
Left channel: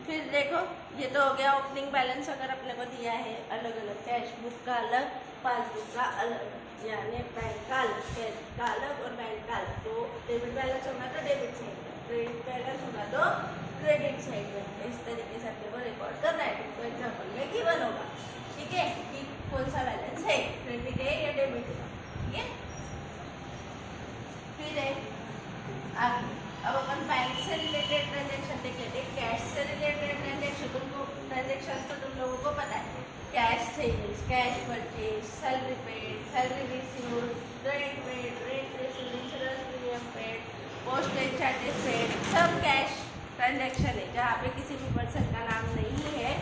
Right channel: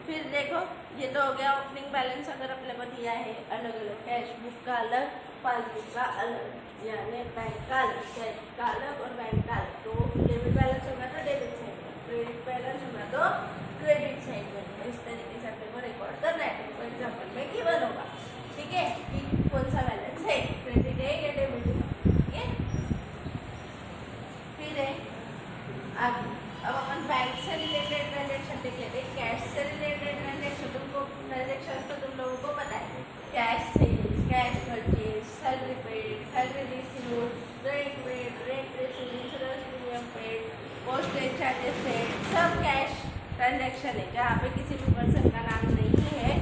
फिर देखो ये तो हो गया ओपनिंग बैलेंस अगर अपने को दिया है अलग अलग, कैश बुक का अलग, पासबुक का अलग, यानी बैंक का अलग, कैश का अलग और बैंक का अलग। तो डेबिट बैलेंस होगा तो डेबिट साइड में, क्रेडिट बैलेंस होगा तो क्रेडिट साइड में। इस तरीके से अपने को रिकॉर्ड करना है। तो एग्जाम्पल में गिवन होगा, ठीक है, कि कौन सा बैलेंस है, क्रेडिट है या डेबिट है, ठीक है। फिर है आगे, अब अपन बैंक से रिलेटेड ट्रांजेक्शन देख लेते हैं। कैश से रिलेटेड ट्रांजेक्शन तो तुम लोगों को पता है, cash sales, cash purchase, salary paid, salary received, rent paid, rent received, insurance premium paid, postage charges paid, सब कैश ट्रांजेक्शन है। जहाँ पे किसी भी पर्सन का नाम नहीं है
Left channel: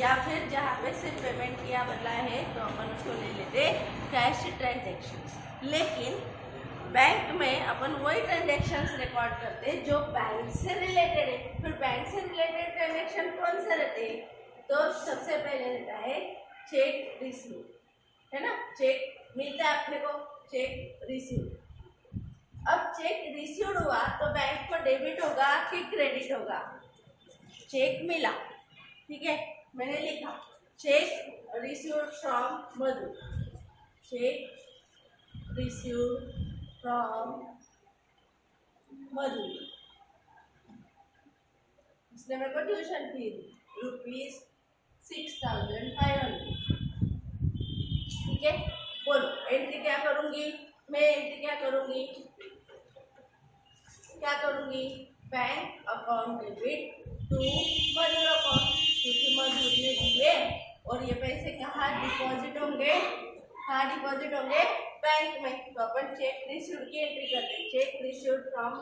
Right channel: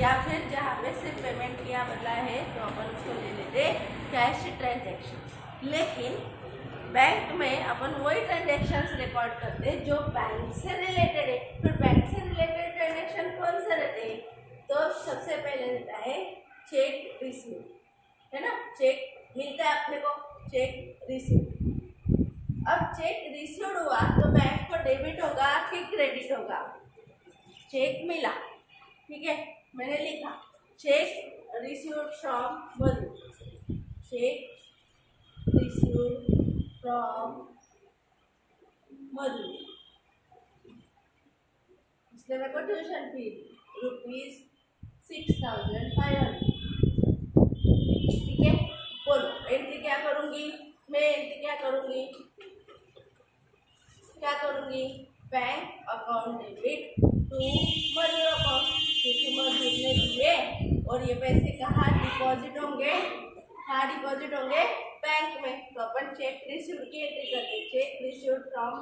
या फिर जहाँ पे सिर्फ पेमेंट किया बदला है तो अपन उसको ले लेते कैश ट्रांजेक्शन। लेकिन बैंक में अपन वही ट्रांजेक्शन्स रिकॉर्ड करते हैं जो बैंक से रिलेटेड है। फिर बैंक से रिलेटेड ट्रांजेक्शन कौन से रहते हैं? तो सबसे पहले रहता है चेक रिसीव, है ना, चेक मिलता है अपने को, चेक रिसीव। अब चेक रिसीव्ड हुआ तो बैंक को डेबिट होगा कि क्रेडिट होगा? चेक मिला, ठीक है, मैंने लिखा cheque received from Madhu, cheque received from Madhu, इसलिए मेरे को ट्यूशन फी ₹6,500, ठीक है। बोलो एंट्री क्या करूंगी मैं? एंट्री क्या करूंगी bank account debit to Madhur account, क्योंकि मधुर ने दिए और ये पैसे कहाँ डिपॉजिट होंगे? बैंक में। तो अपन चेक रिसीव्ड की एंट्री करते हैं, चेक रिसीव्ड फ्रॉम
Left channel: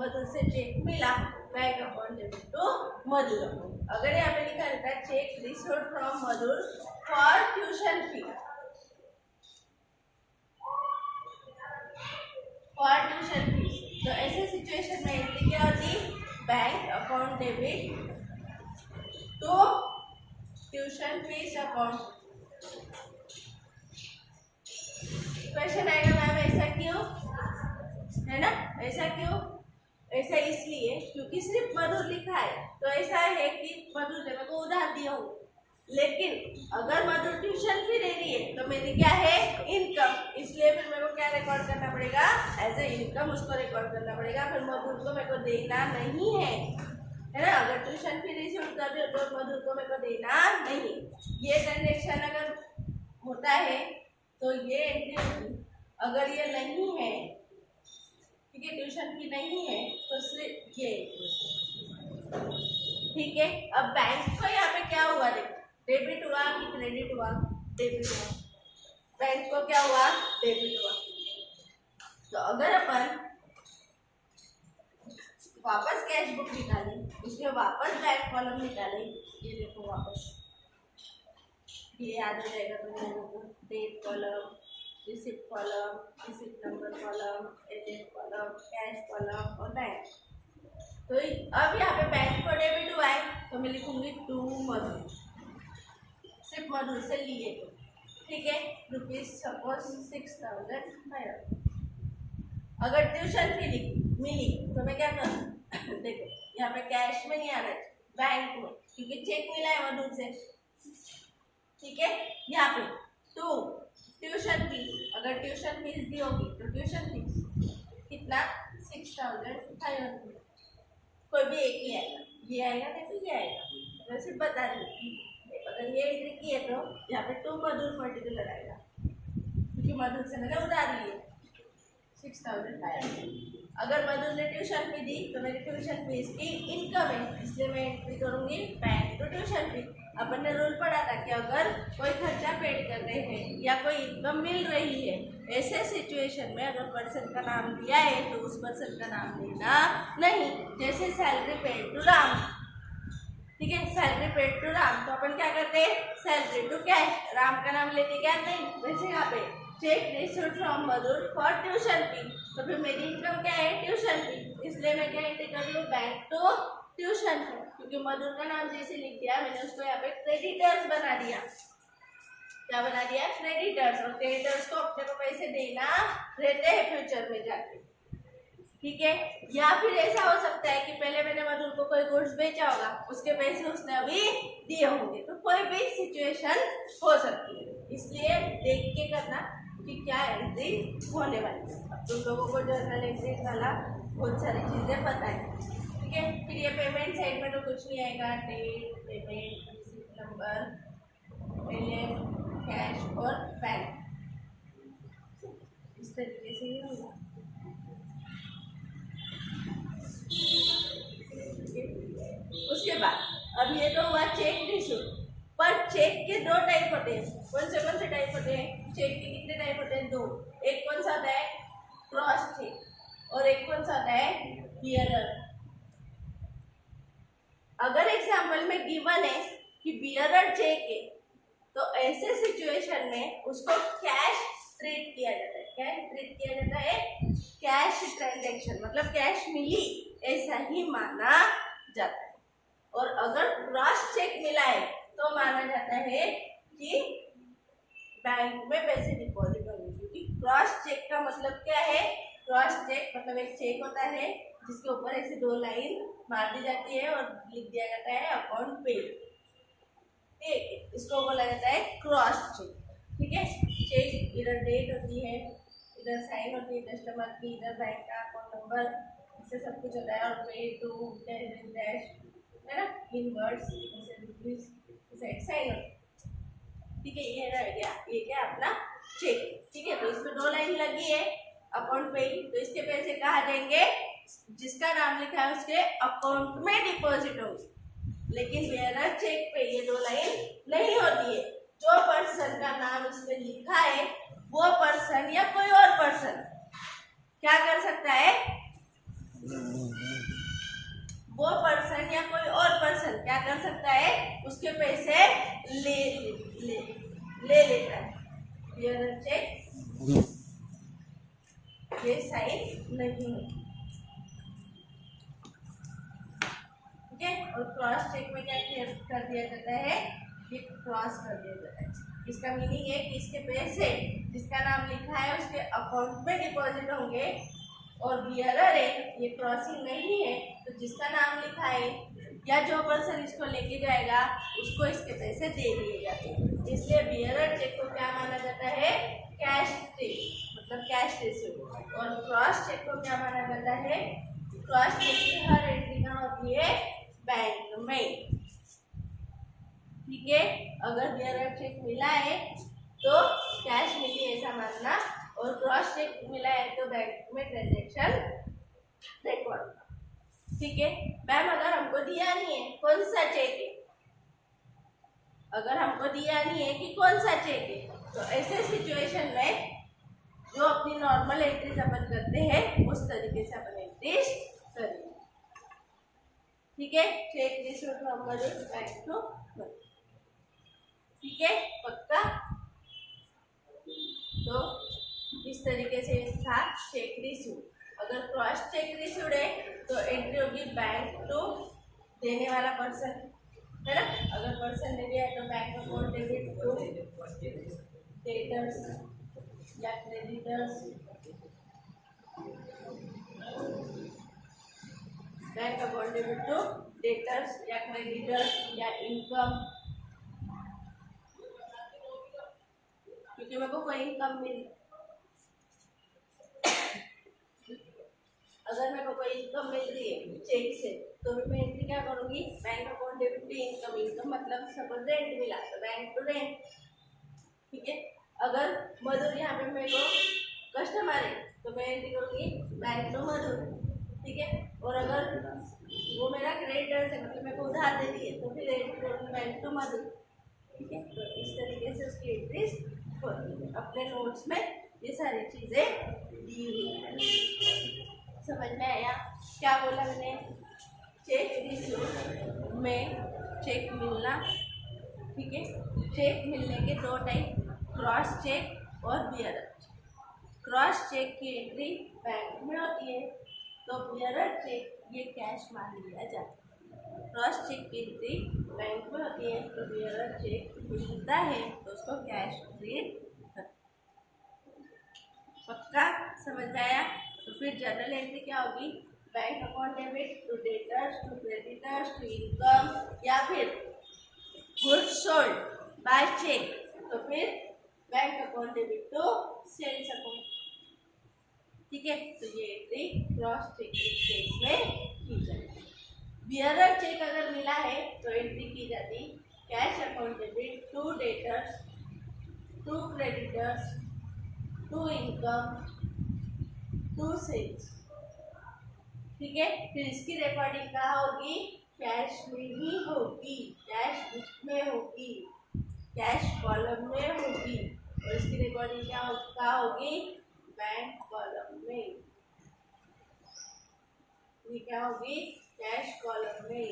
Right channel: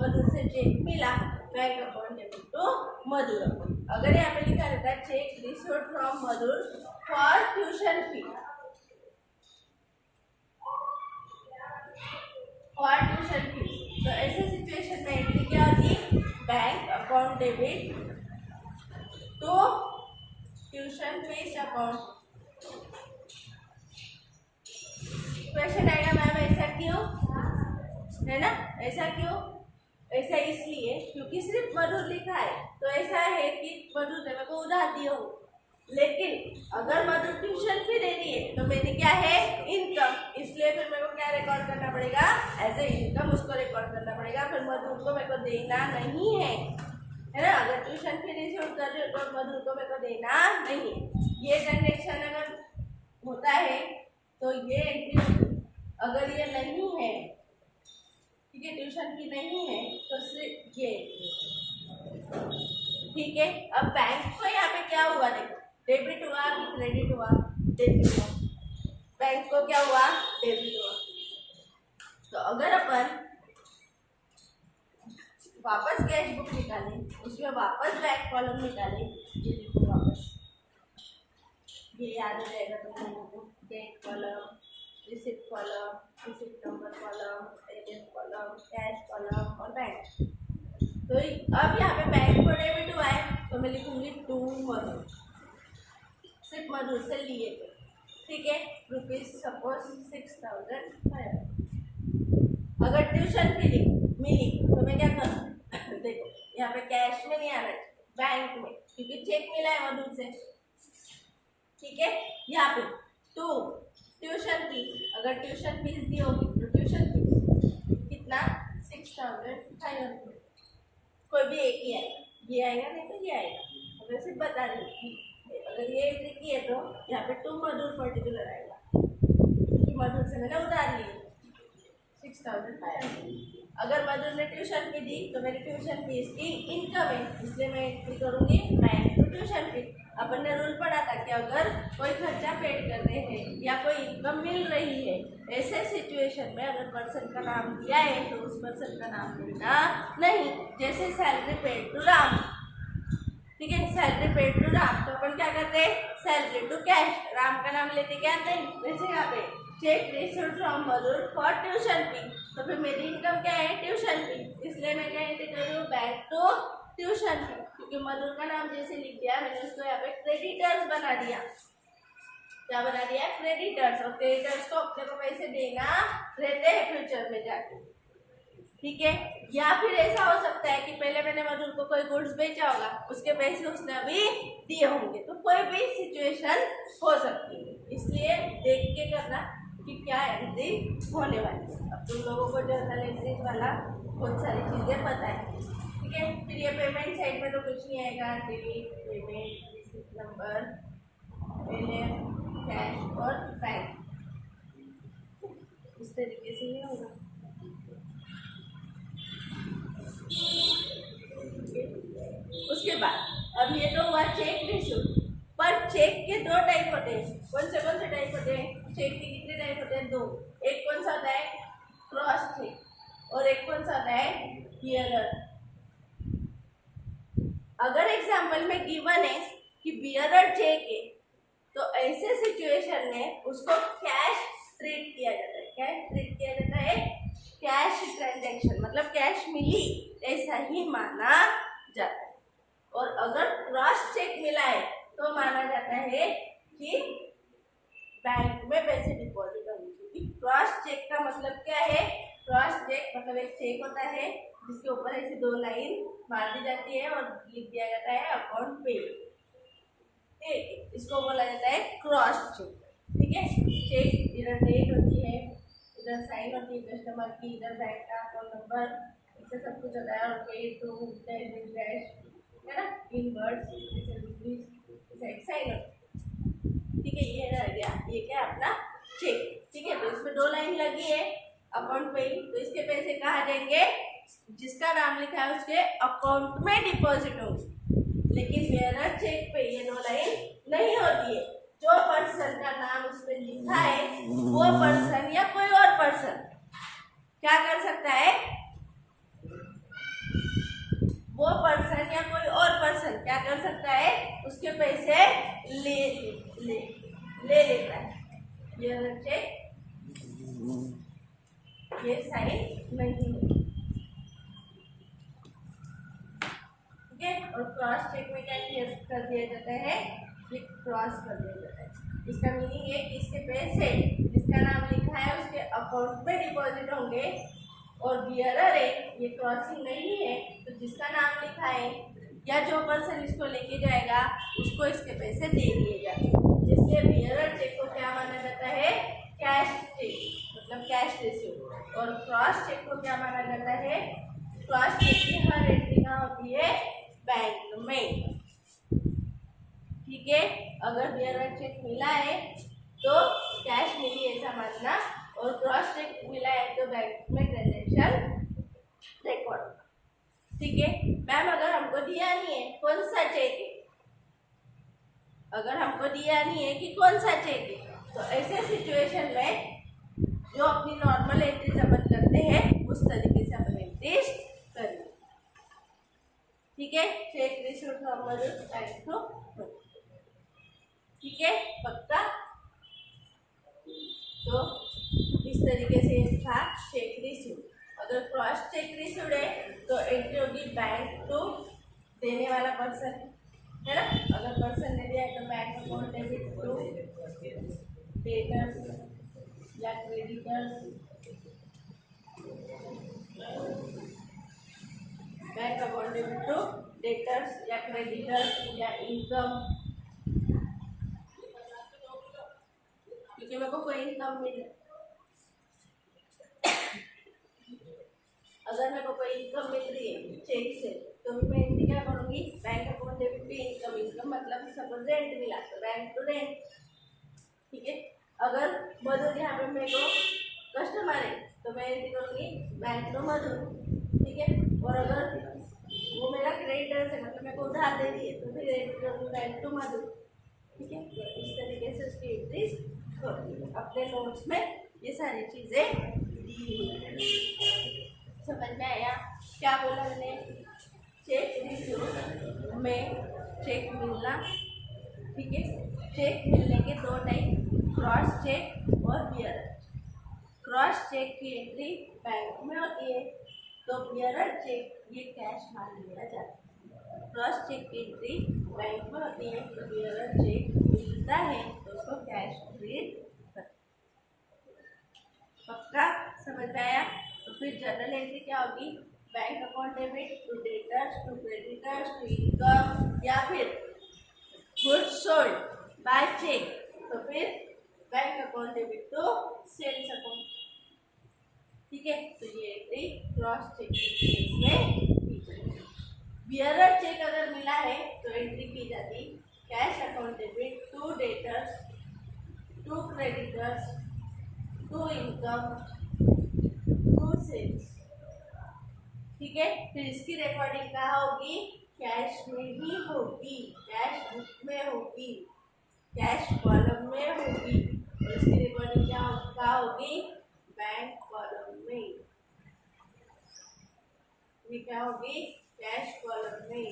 मधुर से चेक मिला, bank account debit to Madhur account. अगर यहाँ पे लिखा रहता है cheque received from Madhur for tuition fee, तो ऐसे सिचुएशन में एंट्री क्या होगी? Bank account debit to tuition fees account. Question आएगा मैम ऐसा क्यों, है ना, ऐसा क्यों? ऐसा इसलिए क्योंकि सिर्फ मधुर लिखा है, तो ऐसा है कि मधुर ने मेरे को उधार दिया हो। लेकिन अगर मधुर ट्यूशन फी दे रही है तो मेरी क्या है? इनकम, इसलिए फिर मेरे को क्या रिकॉर्ड करना पड़ेगा? एज ए इनकम उसको रिकॉर्ड करना पड़ेगा। फिर मधुर को मेरे को देना नहीं है ना। अगर ट्यूशन फी रिसीव कर रही हो तो मधुर को मेरे को देना नहीं। ये ट्रांजेक्शन अगर होता है तो ये एंट्री, अगर ये नहीं है, ठीक है, ट्यूशन फी नहीं है तो सिर्फ ये, ठीक है। अब बैंक को यहाँ पे क्या हुआ? देखो डेबिट हुआ कि क्रेडिट हुआ? डेबिट हुआ। बैंक को क्या हुआ? डेबिट हुआ। तो अगर अपन वापस कैश बुक निकाले, उसमें वापस बैंक कॉलम निकाले, ये देखो वापस ये याद हो जाएगा तुम लोगों को, date column, receipt column, receipt number column, agent column, cash column और बैंक। तो अब यहाँ पे बैंक को डेबिट हुआ है तो मैं लिखूंगी टू मधुर, सिर्फ मधुर से लिए तो, ठीक है, रुपीज सपोज 6,500। अगर ट्यूशन फी मिली तो मैं क्या करूँ? देखो यहाँ पे कैश में नहीं आना, बैंक में, क्योंकि चेक मिला है मधुर से, ठीक है। यहाँ पे टू ट्यूशन फी, अगर ट्यूशन फीस दी होगी तो ट्यूशन फीस कितना? 6,500। कोई भी एक ही आएगा, ये आएगा नहीं तो ये आएगा। अगर सिर्फ बता दूँ अगर ये एंट्री की है तो यहाँ पे टू मधुर पर्टिकुलर आएगा, क्योंकि मधुर से मैंने उधार लिए 6,500। अगर मधुर ने ट्यूशन फी दी तो मेरी ट्यूशन फीस की इनकम है, इसलिए मैं एंट्री करूँगी बैंक टू ट्यूशन फी। अपन ने रूल पढ़ा था कि अगर कोई खर्चा पेड कर रहे हैं या कोई इनकम मिल रही है, ऐसे सिचुएशन में अगर पर्सन का नाम दिया है तो उस पर्सन का नाम लेना नहीं। जैसे सैलरी पेड टू राम, ठीक है, सैलरी पेड टू राम, तो अपन क्या करते हैं? सैलरी टू कैश, राम का नाम लेते क्या? नहीं। वैसे यहाँ पे check received from Madhur for tuition fee, तो फिर मेरी इनकम क्या है? ट्यूशन फी, इसलिए मैं क्या एंट्री कर रही हूँ? बैंक टू ट्यूशन फी, क्योंकि मधुर का नाम जैसे लिख दिया मैंने उसको यहाँ पे क्रेडिटर्स बना दिया। क्या बना दिया? क्रेडिटर्स। और क्रेडिटर्स को अपने को पैसे देना रहते हैं फ्यूचर में जाके, ठीक है। या फिर ऐसा हो सकता है कि पहले मैंने मधुर को कोई गुड्स बेचा होगा, उसके पैसे उसने अभी दिए होंगे, तो कोई भी सिचुएशन हो सकती है, इसलिए देख के करना कि क्या एंट्री होने वाली है। अब तुम लोगों को जर्नल एंट्रीज वाला बहुत सारी चीजें पता है, ठीक है। फिर ये पेमेंट साइड में तो कुछ नहीं आएगा, date, payment, receipt number, LF, cash और बैंक, इस तरीके से ही होगा। उसके बाद अब ये तो हुआ चेक रिसीव्ड, पर चेक के दो टाइप होते हैं। कौन से टाइप होते हैं? चेक के कितने टाइप होते हैं? दो। एक कौन सा होता है? क्रॉस चेक, और एक कौन सा होता है? बियरर। अगर एग्जाम्पल में गिवन है कि बियरर चेक है, तो ऐसे सिचुएशन में उसको कैश ट्रीट किया जाता है। क्या ट्रीट किया जाता है? कैश ट्रांजैक्शन, मतलब कैश मिली ऐसा ही माना जाता है। और अगर क्रॉस चेक मिला है तो माना जाता है कि बैंक में पैसे डिपॉजिट होंगे, क्योंकि क्रॉस चेक का मतलब क्या है? क्रॉस चेक मतलब एक चेक होता है जिसके ऊपर ऐसी दो लाइन मार दी जाती है और लिख दिया जाता है अकाउंट पे, ठीक है, इसको बोला जाता है क्रॉस चेक, ठीक है। चेक इधर डेट होती है, इधर साइन होती है कस्टमर की, इधर बैंक का अकाउंट नंबर, इससे सब कुछ होता है, और पे टू डैश है ना, इन वर्ड्स जैसे रुपीज साइन होती है, ठीक है। ये रह गया, ये क्या अपना चेक, ठीक है। तो इसमें दो लाइन लगी है अकाउंट पे ही, तो इसके पैसे कहाँ जाएंगे? जिसका नाम लिखा है उसके अकाउंट में डिपॉजिट होंगे। लेकिन बेयरर चेक पे ये दो लाइन नहीं होती है। जो पर्सन का नाम उसमें लिखा है वो पर्सन या कोई और पर्सन क्या कर सकता है? वो पर्सन या कोई और पर्सन क्या कर सकता है? उसके पैसे ले लेता है। बेयरर चेक ये साइन नहीं है, ठीक है। और क्रॉस चेक में क्या कर दिया जाता है? ये क्रॉस कर दिया जाता है। इसका मीनिंग है कि इसके पैसे जिसका नाम लिखा है उसके अकाउंट में डिपॉजिट होंगे, और बियरर है ये क्रॉसिंग नहीं है, तो जिसका नाम लिखा है या जो पर्सन इसको लेके जाएगा उसको इसके पैसे दे दिए जाते हैं। इसलिए बियरर चेक को क्या माना जाता है? कैश चेक, मतलब कैश रिसीव। और क्रॉस चेक को क्या माना जाता है? क्रॉस चेक की हर एंट्री कहाँ होती है? बैंक में, ठीक है। अगर बियरर चेक मिला है तो कैश मिली ऐसा मानना, और क्रॉस चेक मिला है तो बैंक में ट्रांजैक्शन रिकॉर्ड, ठीक है। मैम अगर हमको दिया नहीं है कौन सा चेक है, अगर हमको दिया नहीं है कि कौन सा चेक है, तो ऐसे सिचुएशन में जो अपनी नॉर्मल एंट्रीज अपन करते हैं उस तरीके से अपन एंट्रीज करेंगे, ठीक है। Cheque received from Madhur bank to Madhur, ठीक है, पक्का। तो इस तरीके से था चेक रिसीव्ड। अगर क्रॉस चेक रिसीव्ड है तो एंट्री होगी बैंक टू देने वाला पर्सन, है ना। अगर पर्सन ने दिया है तो bank account debit to debtors या creditors, bank account debit to debtors या क्रेडिटर्स या इनकम, क्योंकि मेरे को कोई इनकम मिल, अगर मेरे को कोई इनकम मिल रही है चेक से तो भी मैं एंट्री क्या करूँगी? Bank account debit to income, income मतलब सपोज रेंट मिला तो बैंक टू रेंट, ठीक है। अगर मधुर यहाँ पे मेरे को कस्टमर है तो मैं एंट्री करूँगी बैंक टू मधुर, ठीक है। और अगर वो मेरा क्रेडिटर है मतलब मेरे को उधार दे रही है तो फिर एंट्री करूँगी बैंक टू मधुर, ठीक है। तो इस तरीके से उसकी एंट्रीज होती है। अपने नोट्स में ये सारी चीज़ें दी हुई है। समझ में आया क्या बोला मैंने? चेक रिसीव में चेक मिलना, ठीक है। चेक मिलने के दो टाइप, क्रॉस चेक और बियरर। क्रॉस चेक की एंट्री बैंक में होती है तो बियरर चेक ये कैश मान लिया जाता है। क्रॉस चेक की एंट्री बैंक में होती है तो बियरर चेक मिलता है तो उसको कैश ट्रीट करते। पक्का समझ में आया? तो फिर जनरल एंट्री क्या होगी, bank account debit to debtors to creditors to income, या फिर गुड्स सोल्ड बाय चेक, तो फिर bank account debit to sales account. ठीक है, तो ये एंट्री क्रॉस चेक केस में की जाएगी। बियरर चेक अगर मिला है तो एंट्री की जाती cash account debit to debtors to creditors to income to sales. ठीक है, फिर इसकी रिकॉर्डिंग कहाँ होगी, कैश में ही होगी, कैश बुक में होगी, कैश कॉलम में होगी, और इसकी रिकॉर्डिंग कहाँ होगी, बैंक कॉलम में। ये क्या होगी, कैश कॉलम में।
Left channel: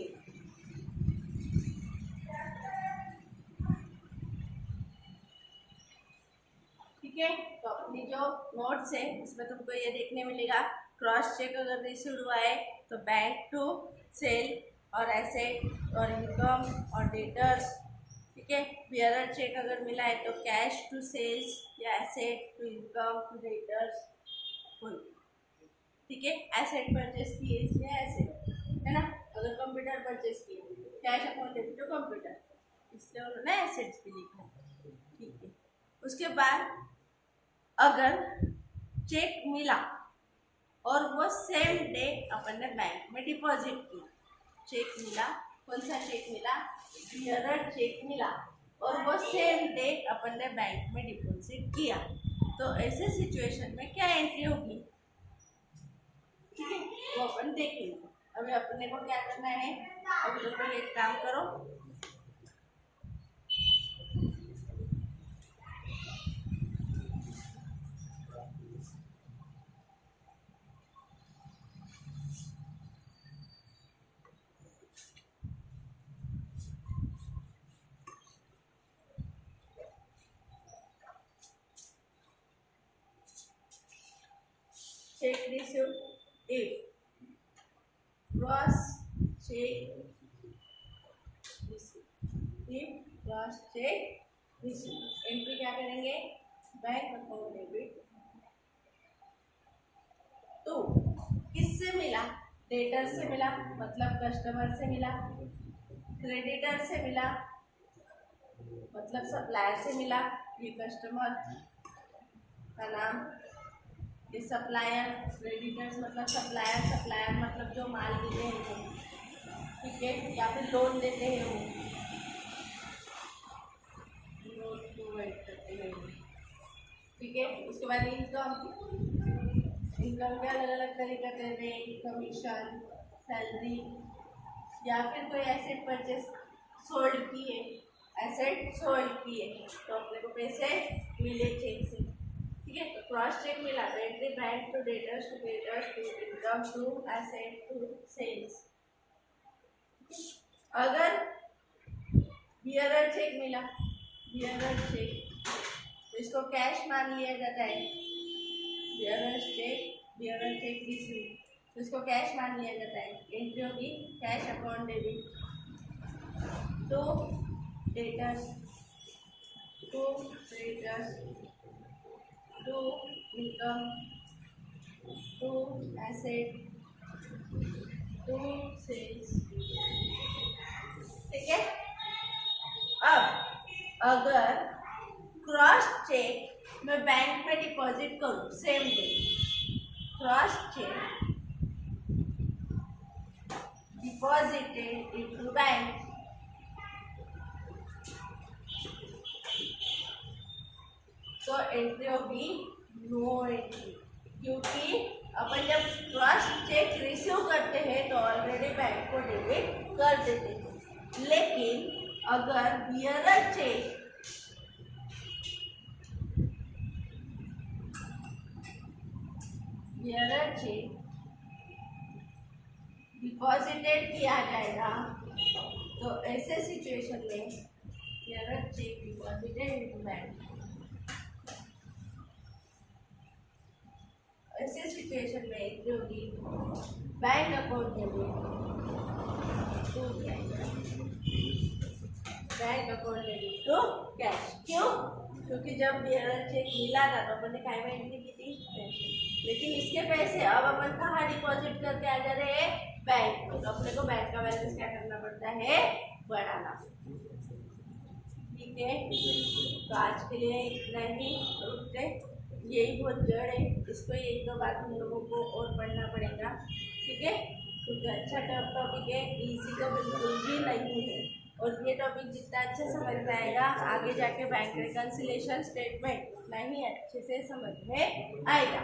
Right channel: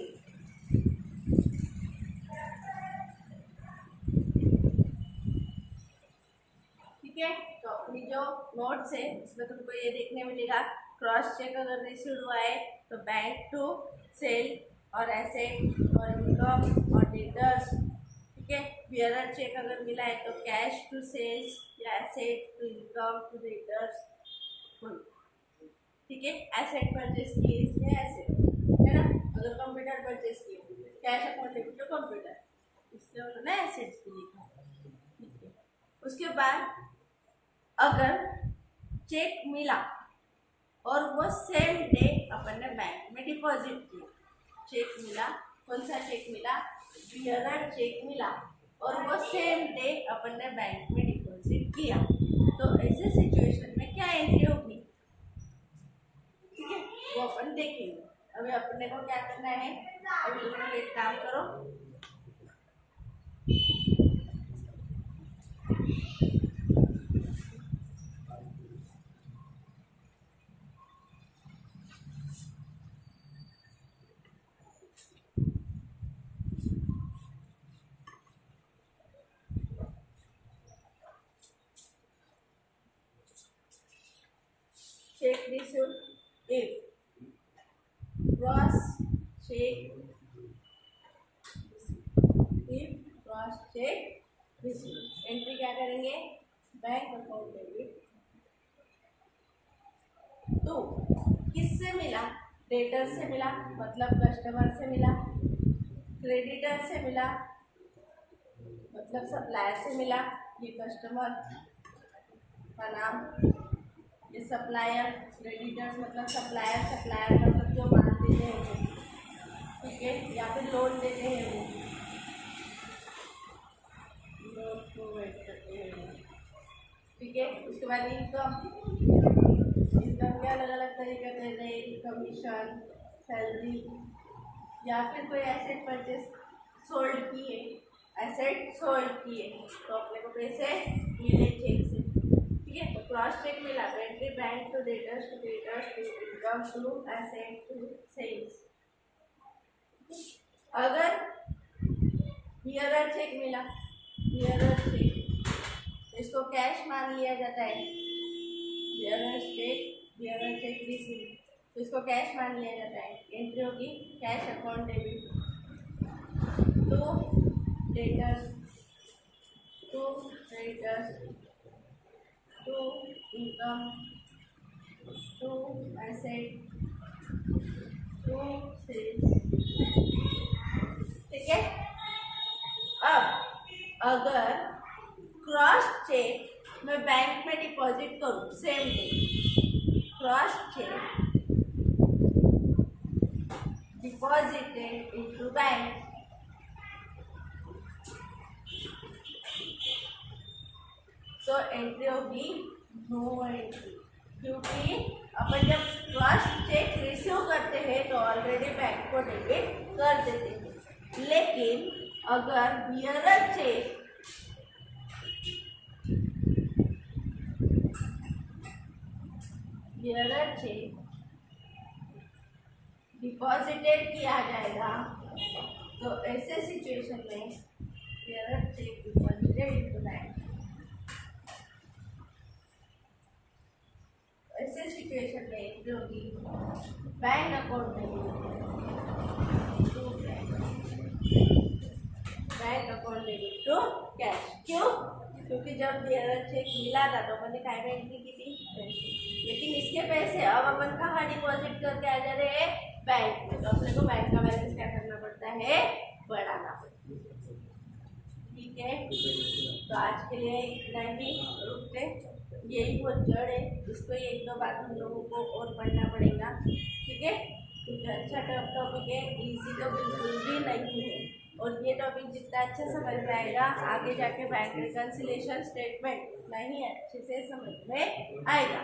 ठीक है, तो अपनी जो नोट्स है इसमें तुमको ये देखने मिलेगा, क्रॉस चेक अगर रिसीव हुआ है तो बैंक टू सेल और एसेट और इनकम और डेटर्स। ठीक है, बियरर चेक अगर मिला है तो कैश टू सेल्स या asset to income to debtors. ठीक है, एसेट परचेस किए इसलिए एसेट है ना, अगर कंप्यूटर परचेस किए cash account debit to computer, इसलिए उन्होंने एसेट्स भी लिखा। ठीक है, उसके बाद अगर चेक मिला और वो सेम डे अपन ने बैंक में डिपॉजिट किया, चेक मिला, कौन सा चेक मिला, बियरर चेक मिला और वो सेम डे अपन ने बैंक में डिपॉजिट किया, तो ऐसे सिचुएशन में क्या एंट्री होगी, ठीक है, वो अपन देखेंगे। अभी अपने को क्या करना है, अभी तुम लोग एक काम करो, चेक रिसीव्ड एक cross cheque cross cheque receive, entry क्या करेंगे, बैंक अकाउंट डेबिट तो किससे मिला, डेटर से मिला मतलब कस्टमर से मिला, क्रेडिटर से मिला मतलब सप्लायर से मिला, ये कस्टमर का नाम, ये सप्लायर, क्रेडिटर्स मतलब सप्लायर, सप्लायर मतलब जो माल देते हैं वो, ठीक है, या फिर लोन देते हैं वो, लोन प्रोवाइड करते हैं वो। ठीक है, उसके बाद इनकम, इनकम के अलग अलग तरीके के रेंट, कमीशन, सैलरी, या फिर कोई एसेट परचेस सोल्ड किए, एसेट सोल्ड किए तो अपने को पैसे मिले चेक से। ठीक है, तो क्रॉस चेक मिला तो entry bank to debtors to creditors to income to asset to sales. अगर बियरर चेक मिला, बियरर चेक तो इसको कैश मान लिया जाता है, बियरर चेक रिसीव तो इसको कैश मान लिया जाता है, एंट्री होगी cash account debit to debtors to creditors to income to asset to sales. ठीक है, अब अगर क्रॉस चेक मैं बैंक में डिपॉजिट करूँ same day, cross cheque deposited into bank, तो एंट्री होगी नो एंट्री, क्योंकि अपन जब क्रॉस चेक रिसीव करते हैं तो ऑलरेडी बैंक को डेबिट कर देते हैं, लेकिन अगर बियरर चेक डिपॉजिटेड किया जाएगा तो ऐसे सिचुएशन में bearer cheque deposited into bank, ऐसे सिचुएशन में एंट्री होगी bank account debit to cash, bank account debit to cash. क्यों, क्योंकि जब चेक मिला था तो अपन ने काय में एंट्री की थी पैसे, लेकिन इसके पैसे अब अपन कहाँ डिपॉजिट करके आ जा रहे हैं, बैंक में। तो अपने को बैंक का बैलेंस क्या करना पड़ता है, बढ़ाना पड़ता है। ठीक है, तो आज के लिए इतना ही, रुकते, यही बहुत जड़ है, इसको ये एक दो बात हम लोगों को और पढ़ना पड़ेगा। ठीक है, क्योंकि अच्छा टॉपिक है, इजी तो बिल्कुल भी नहीं है, और ये टॉपिक जितना अच्छा समझ में आएगा आगे जाके बैंक रिकन्सिलिएशन स्टेटमेंट नहीं अच्छे से समझ में आएगा।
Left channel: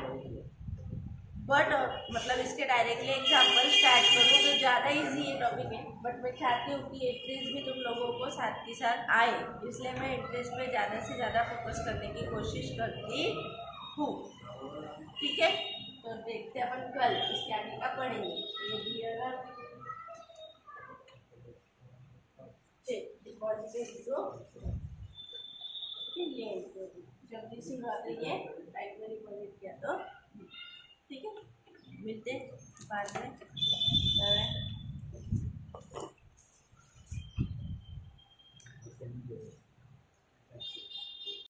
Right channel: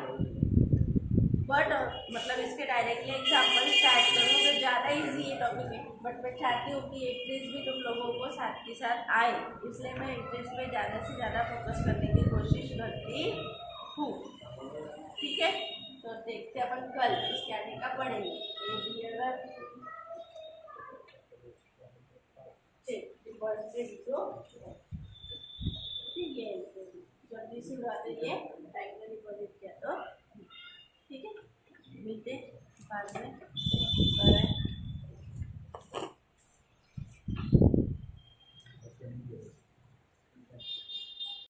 बट मतलब इसके डायरेक्टली एग्जाम्पल स्टार्ट करूँ तो ज़्यादा इजी ये टॉपिक है, बट मैं चाहती हूँ कि इंट्रेस्ट भी तुम लोगों को साथ के साथ आए, इसलिए मैं इंट्रेस्ट पे ज़्यादा से ज़्यादा फोकस करने की कोशिश करती हूँ। ठीक है, तो देखते अपन कल इसके आगे का पढ़ेंगे। ये भी अगर ये जल्दी से उड़ा देंगे बैंक में डिपॉजिट किया तो। ठीक है, मिलते हैं बाद में।